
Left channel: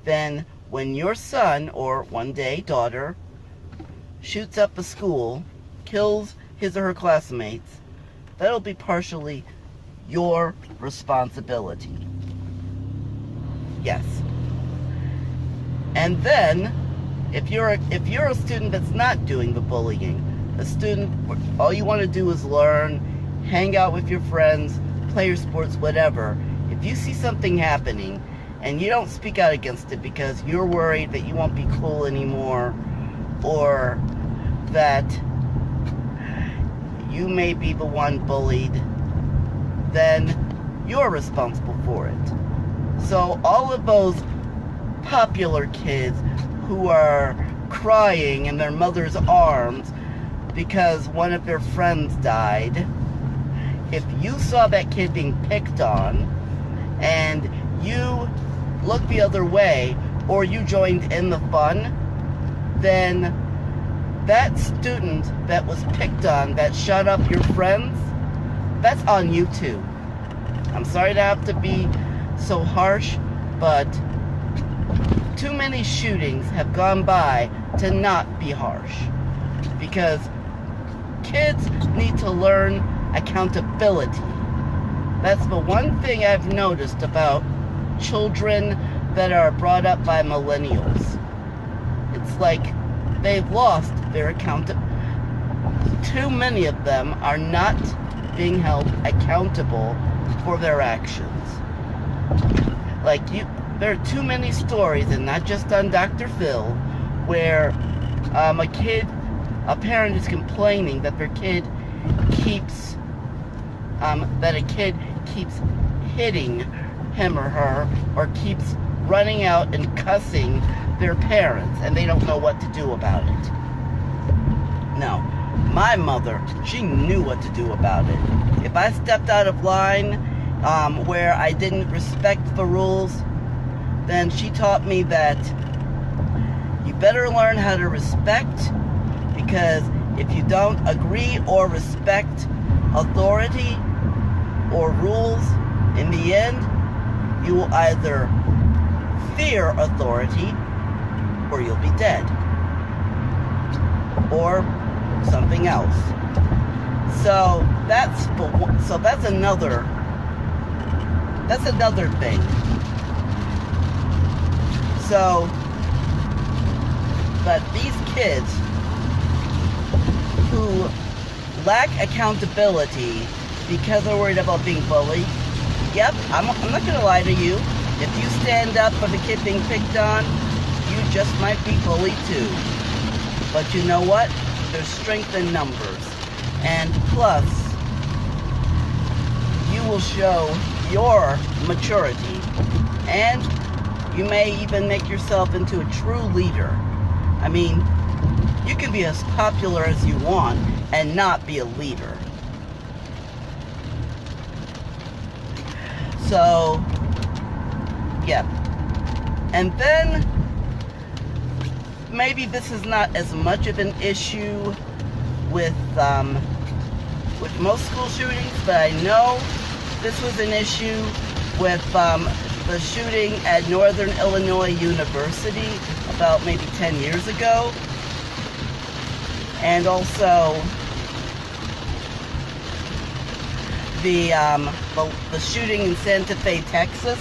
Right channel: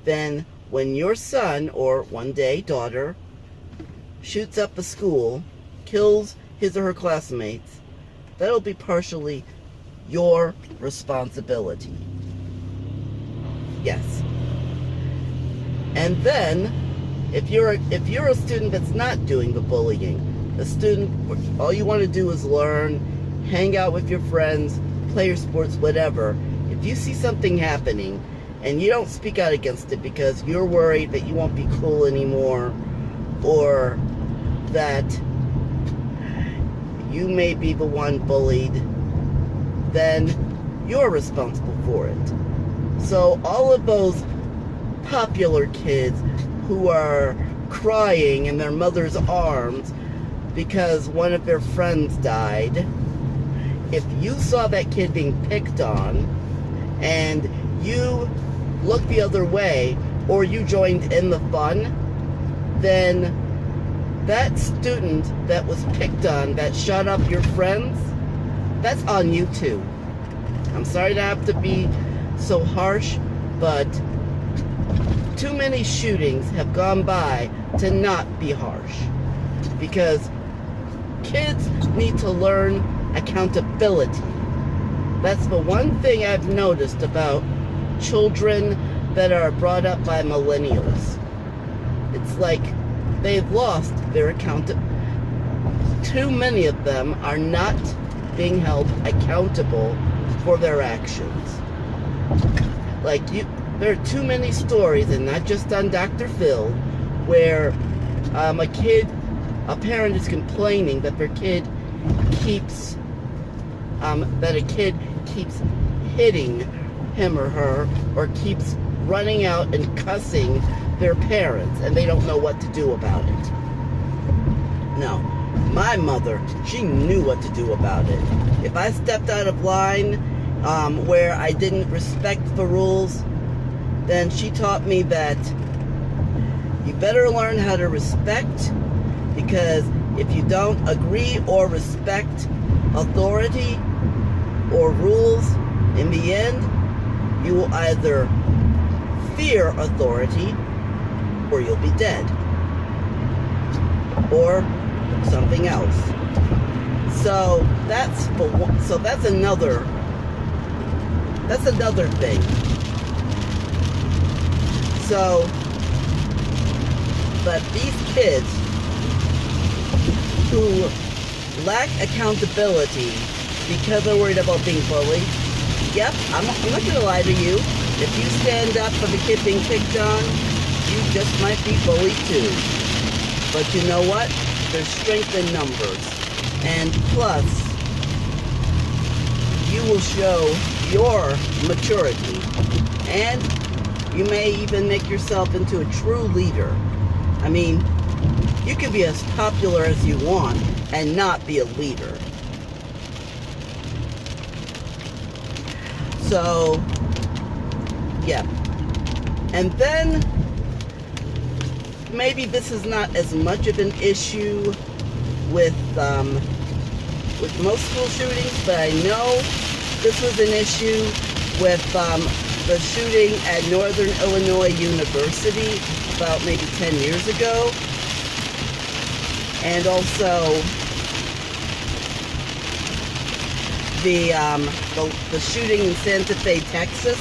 then when your son or one day daughter shoots up a school, kills his or her classmates, that'll be partially your responsibility. Yes. And then if you're a student that's not doing the bullying, a student all you want to do is learn, hang out with your friends, play your sports, whatever, if you see something happening and you don't speak out against it because you're worried that you won't be cool anymore or that you may be the one bullied, then you're responsible for it. So all of those popular kids who are crying in their mother's arms because one of their friends died, if you saw that kid being picked on and you looked the other way or you joined in the fun, then that student that was picked on, that shot up your friends, that's on you too. I'm sorry to have to be so harsh, but too many shootings have gone by to not be harsh, because kids need to learn accountability. That's the one thing I've noticed about children that are brought up by millennials. It's like they've lost their accountability. Too many of them are not being held accountable for their actions. Like, there are too many stories, and not just on Dr. Phil, where a parent is complaining that their kid keeps hitting him or her, or keeps running out and cussing their parents, and they don't know what to do about it. Now, my mother, she knew what to do about it. If I stepped out of line where I didn't respect the rules, then she taught me that you better learn how to respect, because if you don't agree or respect authority or rules, in the end, you will either fear authority or you'll be dead. or something else. So that's another thing. So, but these kids who lack accountability because they're worried about being bullied, yep, I'm not going to lie to you. If you stand up for the kid being picked on, you just might be bullied too. But you know what? There's strength in numbers. And plus, you will show your maturity. And you may even make yourself into a true leader. I mean, you can be as popular as you want and not be a leader. So, yeah. And then, maybe this is not as much of an issue with most school shootings, but I know this was an issue with the shooting at Northern Illinois University about maybe 10 years ago. And also the shooting in Santa Fe, Texas.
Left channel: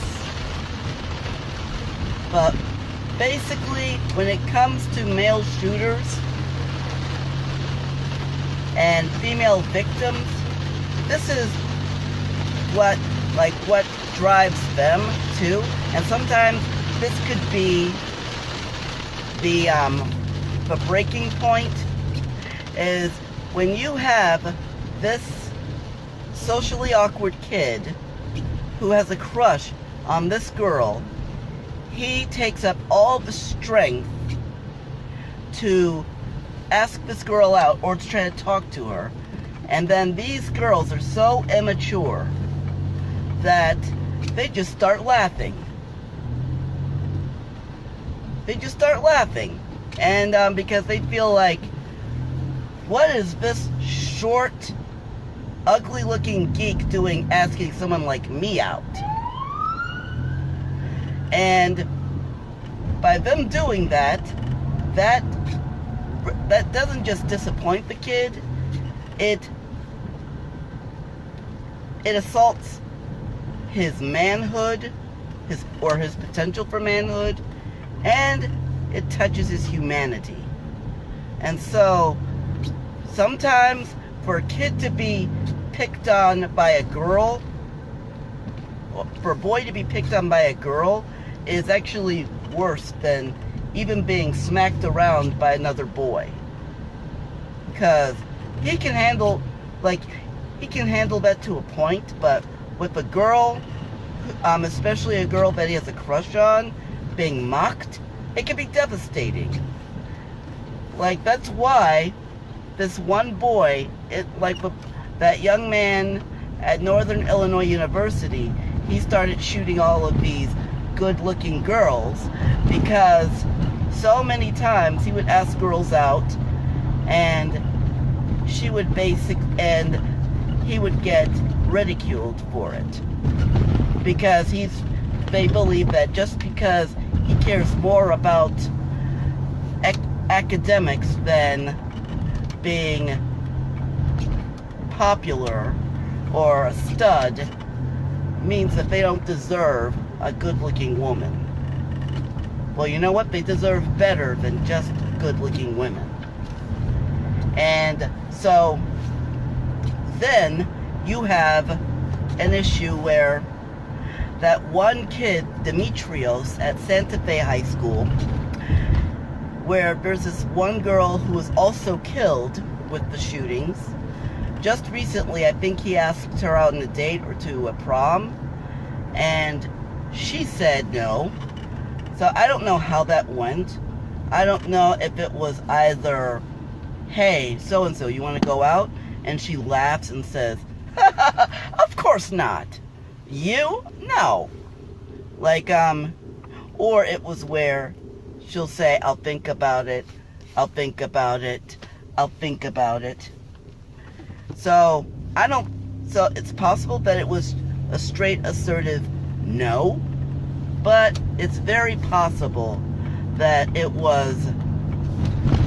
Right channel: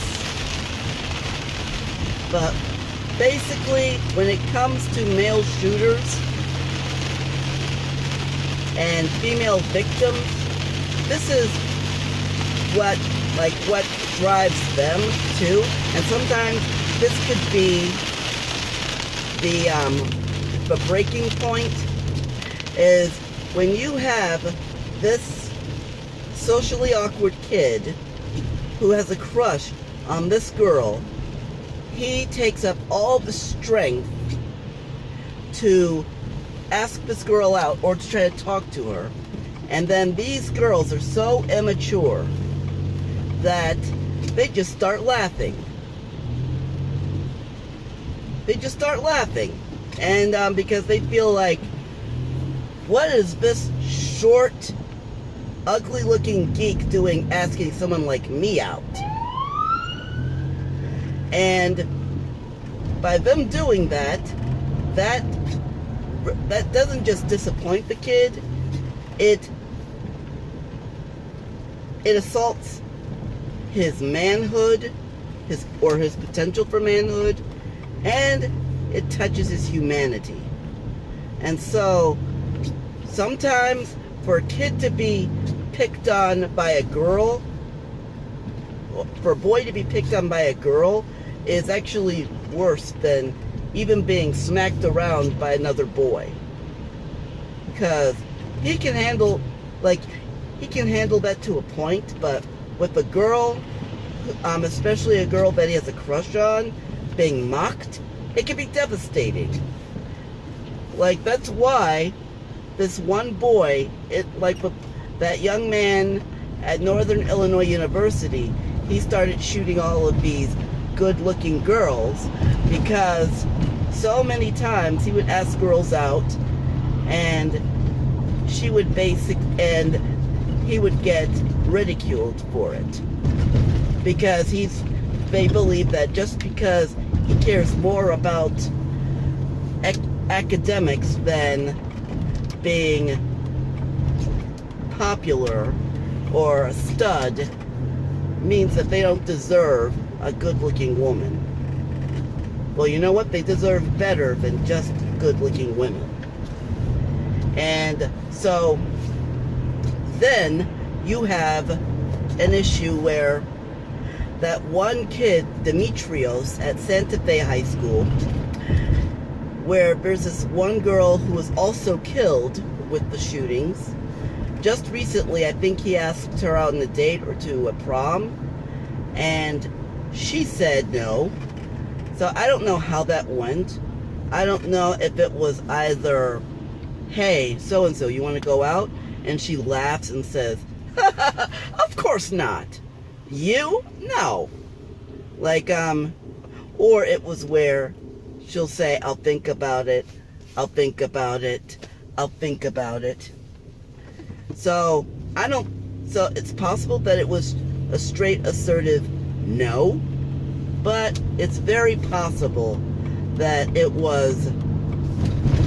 But basically, when it comes to male shooters and female victims, this is what drives them too. And sometimes this could be the breaking point is when you have this socially awkward kid who has a crush on this girl. He takes up all the strength to ask this girl out or to try to talk to her. And then these girls are so immature that they just start laughing. They just start laughing. And because they feel like, what is this short, ugly-looking geek doing asking someone like me out? And by them doing that doesn't just disappoint the kid, it assaults his manhood, his potential for manhood, and it touches his humanity. And so sometimes for a kid to be picked on by a girl, for a boy to be picked on by a girl, is actually worse than even being smacked around by another boy. Because he can handle that to a point, but with a girl, especially a girl that he has a crush on, being mocked, it can be devastating. Like, that's why this one boy, that young man at Northern Illinois University, he started shooting all of these good-looking girls because so many times he would ask girls out and he would get ridiculed for it because they believe that just because he cares more about academics than being popular or a stud means that they don't deserve a good-looking woman. Well, you know what? They deserve better than just good-looking women. And so then you have an issue where that one kid, Demetrios, at Santa Fe High School, where there's this one girl who was also killed with the shootings. Just recently, I think he asked her out on a date or to a prom, and she said no. So I don't know how that went. I don't know if it was either, hey, so-and-so, you want to go out? And she laughs and says, of course not. You? No. Or it was where she'll say, I'll think about it, I'll think about it, I'll think about it. So it's possible that it was a straight assertive no, but it's very possible that it was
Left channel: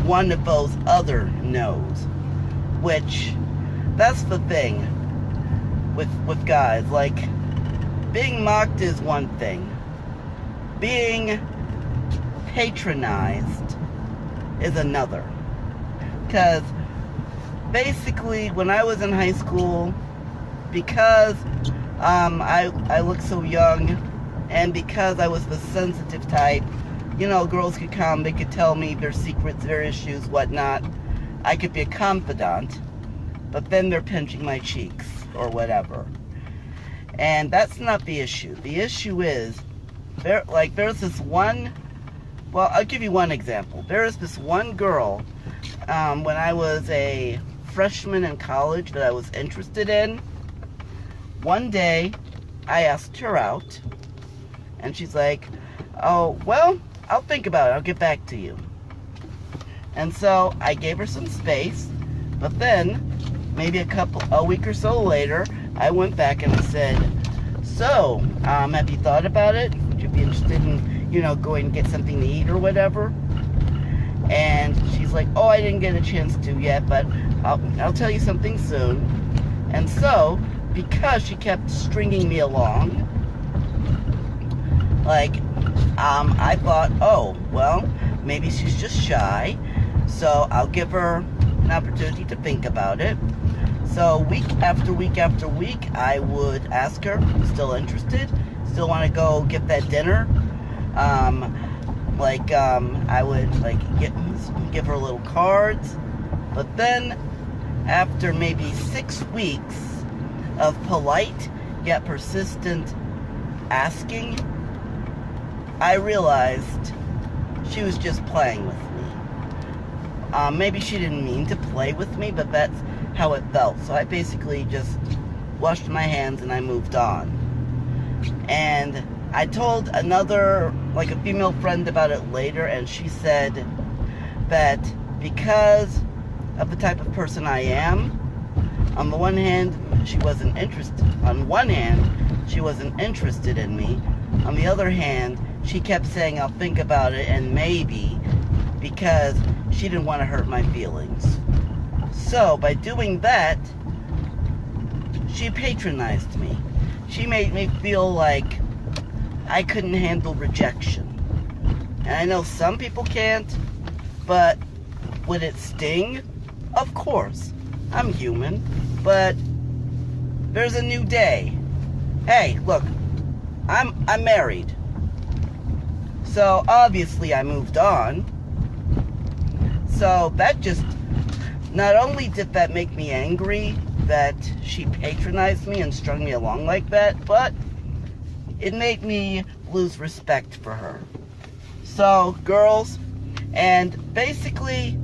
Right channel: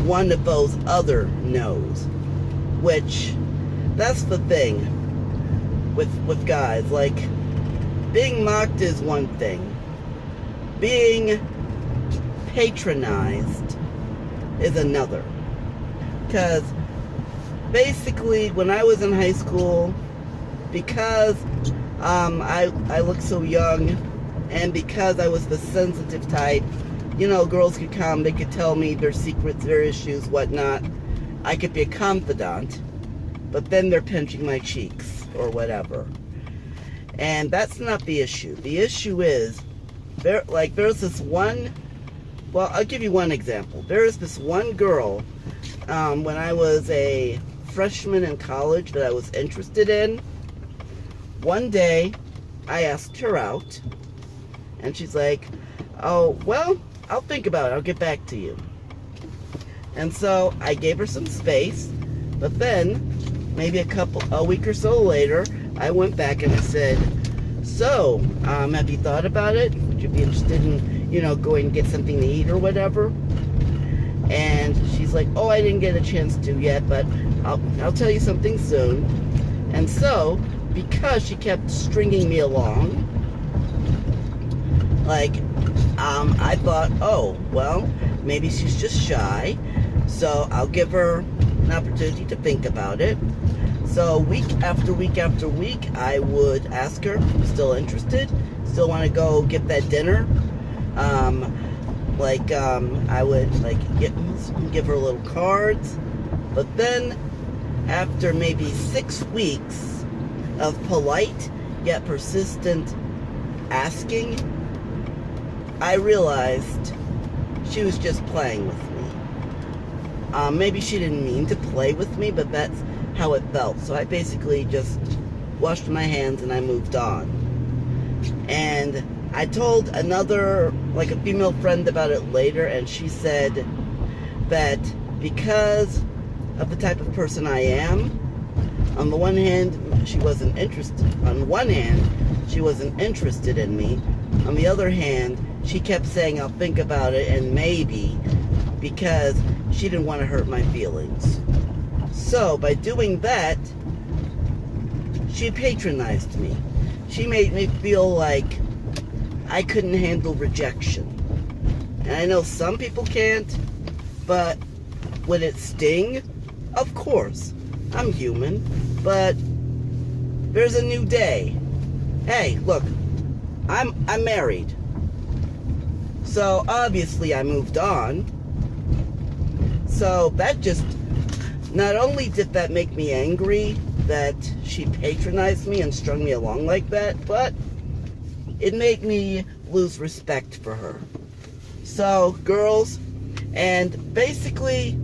one of those other no's. Which, that's the thing with guys. Like, being mocked is one thing. Being patronized is another. Because basically, when I was in high school, because I looked so young, and because I was the sensitive type, you know, girls could come, they could tell me their secrets, their issues, whatnot. I could be a confidant, but then they're pinching my cheeks or whatever. And that's not the issue. The issue is, there's this one, well, I'll give you one example. There is this one girl, when I was a freshman in college that I was interested in. One day, I asked her out, and she's like, oh, well, I'll think about it. I'll get back to you. And so I gave her some space, but then maybe a week or so later, I went back and I said, so, have you thought about it? Would you be interested in, you know, going and get something to eat or whatever? And she's like, oh, I didn't get a chance to yet, but I'll tell you something soon. And so, because she kept stringing me along, like, I thought, oh, well, maybe she's just shy, so I'll give her an opportunity to think about it. So week after week after week, I would ask her, still interested? Still want to go get that dinner? I would give her little cards. But then after maybe 6 weeks of polite yet persistent asking, I realized she was just playing with me. Maybe she didn't mean to play with me, but that's how it felt. So I basically just washed my hands and I moved on. And I told another, like a female friend about it later, and she said that because of the type of person I am, on the one hand, she wasn't interested. On one hand, she wasn't interested in me. On the other hand, she kept saying, I'll think about it and maybe, because she didn't want to hurt my feelings. So, by doing that, she patronized me. She made me feel like I couldn't handle rejection. And I know some people can't, but would it sting? Of course. I'm human, but there's a new day. Hey, look, I'm married. So obviously I moved on. So that just, not only did that make me angry that she patronized me and strung me along like that, but it made me lose respect for her. So girls, and basically,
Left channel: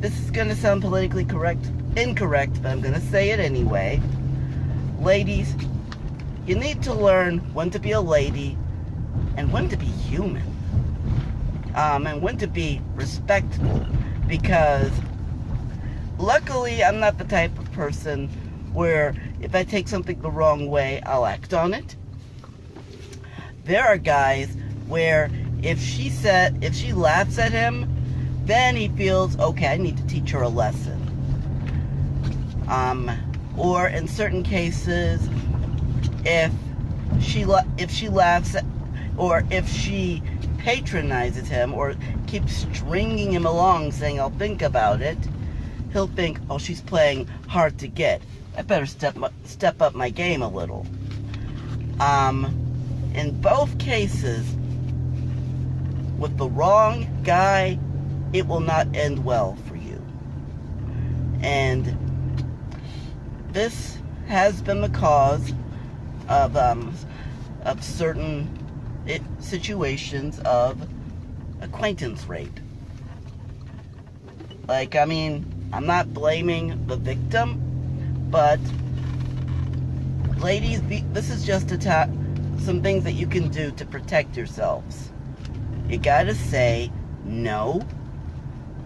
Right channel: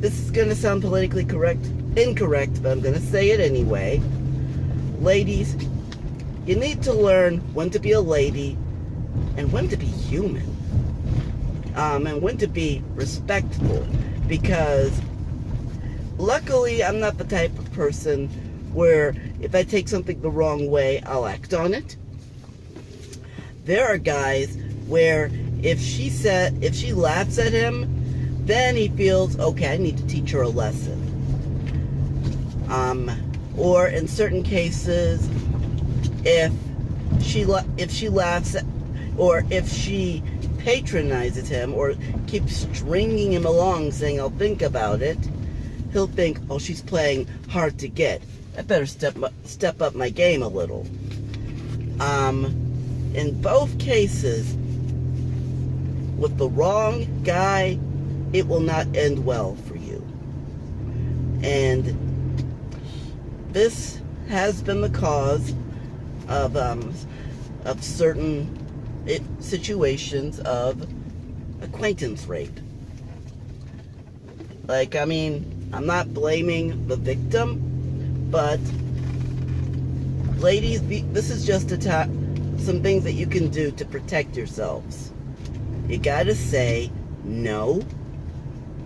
this is going to sound politically incorrect, but I'm going to say it anyway. Ladies, you need to learn when to be a lady and when to be human. And when to be respectful, because luckily I'm not the type of person where if I take something the wrong way, I'll act on it. There are guys where if she laughs at him, then he feels, okay, I need to teach her a lesson. Or in certain cases, if she laughs at, or if she patronizes him or keeps stringing him along saying, I'll think about it, he'll think, oh, she's playing hard to get. I better step up my game a little. In both cases, with the wrong guy, it will not end well for you. And this has been the cause of certain situations of acquaintance rape. Like, I mean, I'm not blaming the victim, but ladies, this is just some things that you can do to protect yourselves. You gotta say no.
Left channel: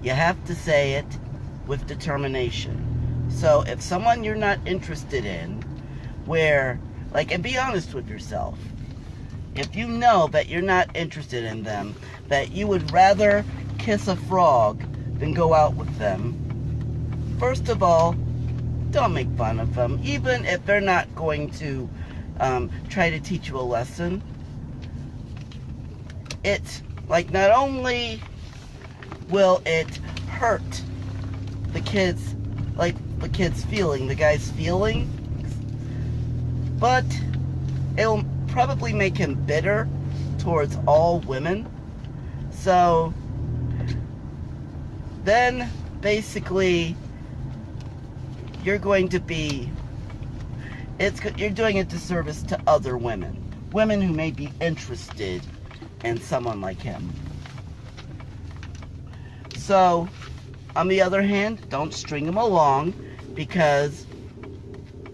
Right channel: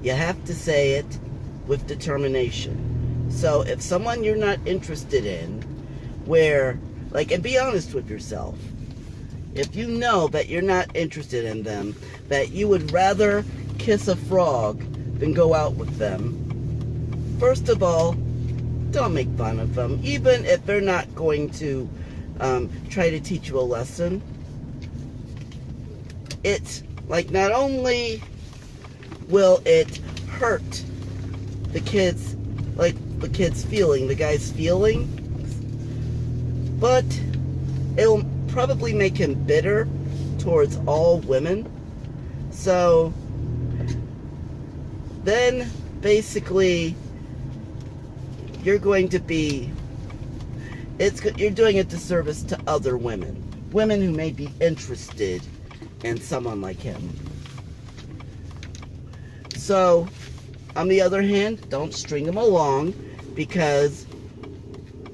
You have to say it with determination. So if someone you're not interested in, and be honest with yourself. If you know that you're not interested in them, that you would rather kiss a frog then go out with them. First of all, don't make fun of them, even if they're not going to try to teach you a lesson. It's like, not only will it hurt the kids, like the kid's feeling, the guy's feeling, but it'll probably make him bitter towards all women. So then basically you're going to be, you're doing a disservice to other women who may be interested in someone like him. So on the other hand, don't string him along, because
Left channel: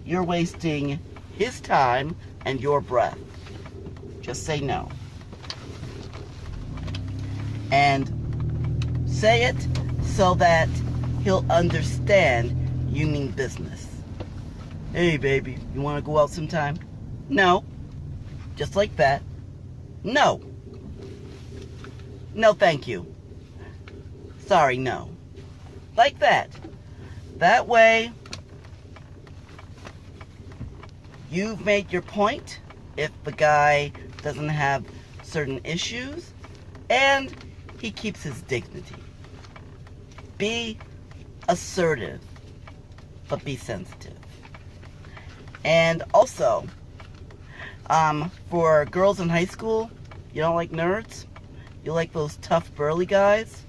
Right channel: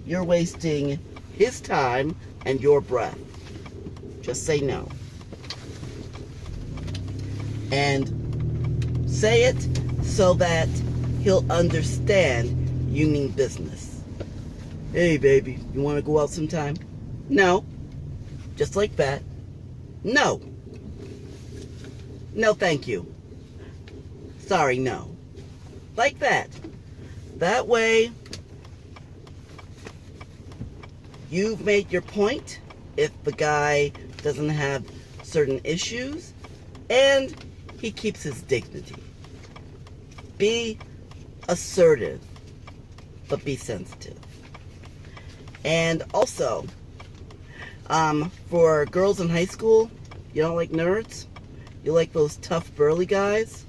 you're wasting his time and your breath. Just say no. And say it so that he'll understand you mean business. Hey baby, you want to go out sometime? No. Just like that. No. No, thank you. Sorry, no. Like that. That way, you've made your point if the guy doesn't have certain issues, and he keeps his dignity. Be assertive, but be sensitive. And also, for girls in high school, you don't like nerds? You like those tough, burly guys?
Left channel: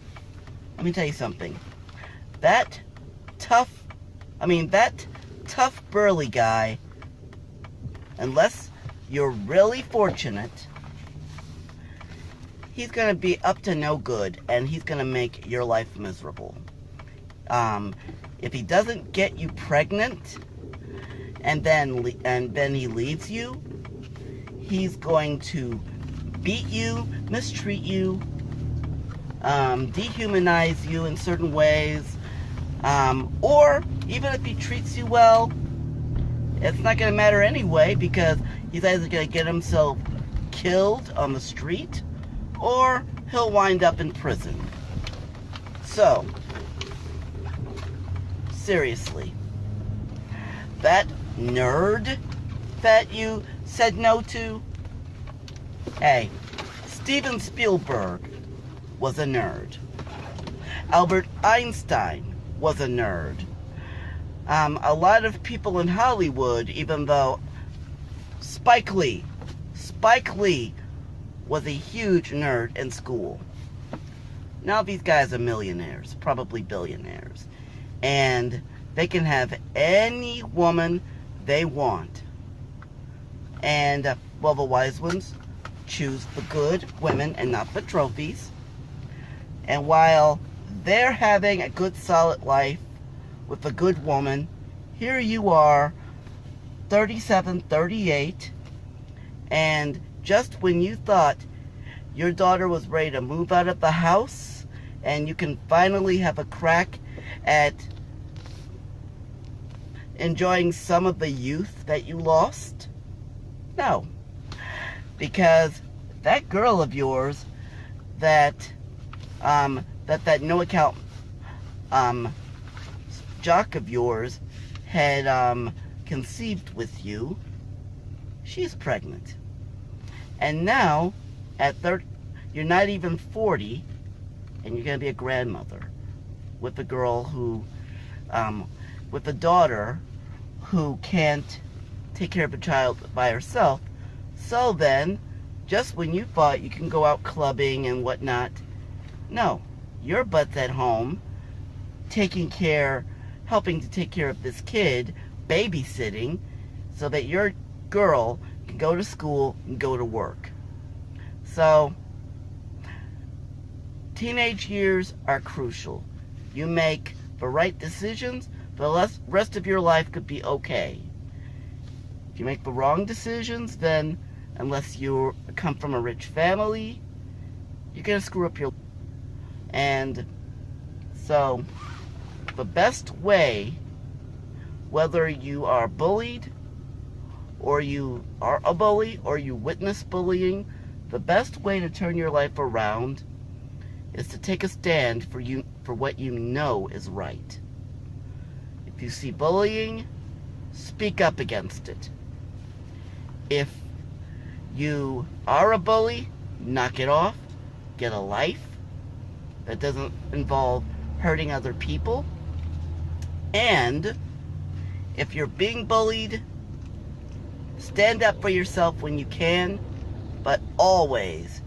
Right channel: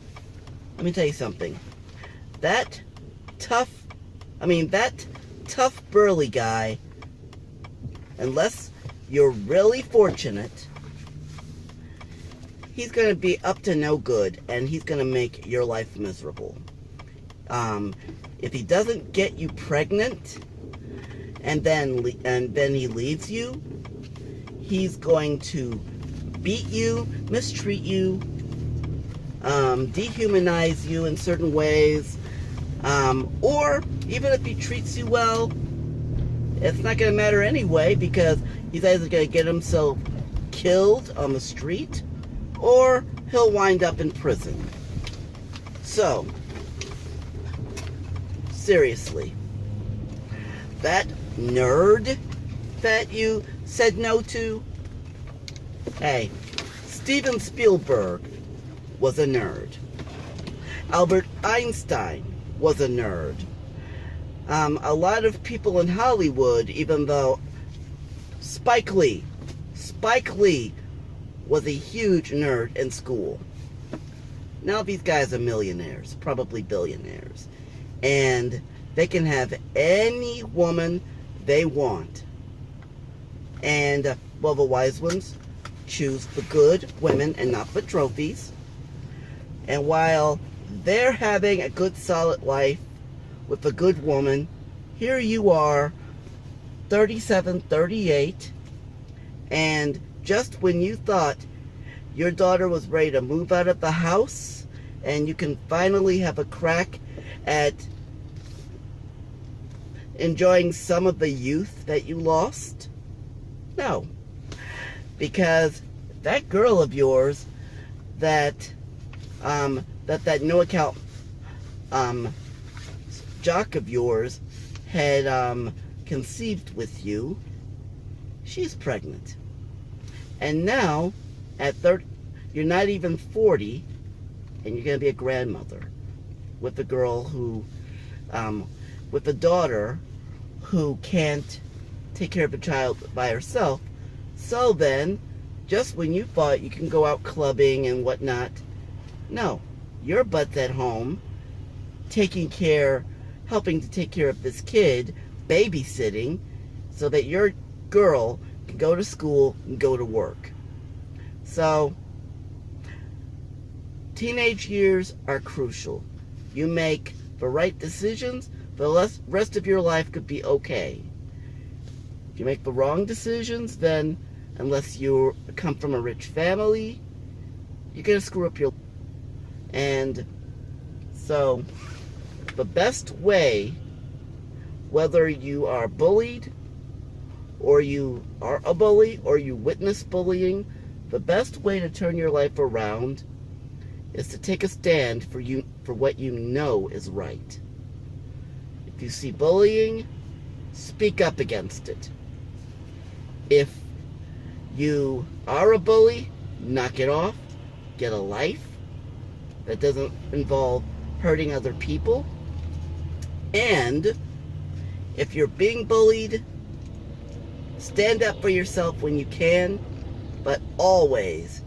Let me tell you something. That tough, burly guy, unless you're really fortunate, he's going to be up to no good, and he's going to make your life miserable. If he doesn't get you pregnant, and then he leaves you, he's going to beat you, mistreat you, dehumanize you in certain ways, or even if he treats you well, it's not going to matter anyway, because he's either going to get himself killed on the street, or he'll wind up in prison. So, seriously, that nerd that you said no to, hey, Steven Spielberg was a nerd. Albert Einstein was a nerd. A lot of people in Hollywood, even though Spike Lee was a huge nerd in school. Now these guys are millionaires, probably billionaires, and they can have any woman they want. And, well, the wise ones choose the good women and not the trophies. And while they're having a good, solid life with a good woman, here you are, 37, 38, and just when you thought your daughter was ready to move out of the house and you can finally have a crack at enjoying some of the youth that you lost? No. Because that girl of yours that no account jock of yours had conceived with you, she's pregnant. And now, at 30, you're not even 40, and you're going to be a grandmother with a girl who, with a daughter who can't take care of a child by herself. So then, just when you thought you can go out clubbing and whatnot, no, your butt's at home, helping to take care of this kid, babysitting, so that your girl can go to school and go to work. So, teenage years are crucial. You make the right decisions, the rest of your life could be okay. If you make the wrong decisions, then unless you come from a rich family, you're going to screw up your life. And so, the best way, whether you are bullied, or you are a bully, or you witness bullying, the best way to turn your life around is to take a stand for what you know is right. If you see bullying, speak up against it. If you are a bully, knock it off, get a life that doesn't involve hurting other people. And if you're being bullied, stand up for yourself when you can, but always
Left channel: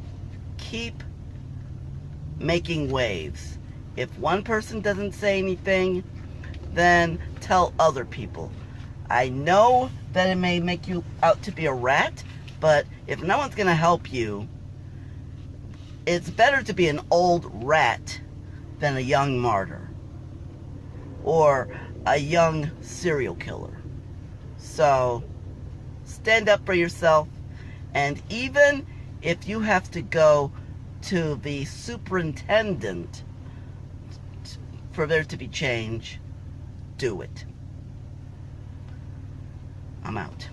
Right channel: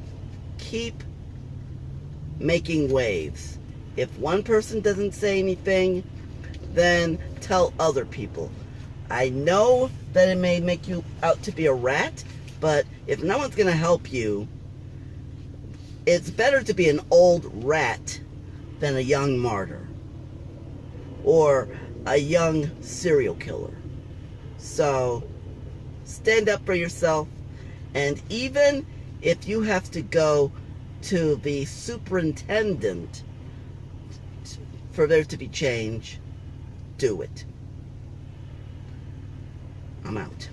keep making waves. If one person doesn't say anything, then tell other people. I know that it may make you out to be a rat, but if no one's going to help you, it's better to be an old rat than a young martyr or a young serial killer. So stand up for yourself, and even if you have to go to the superintendent for there to be change, do it. I'm out.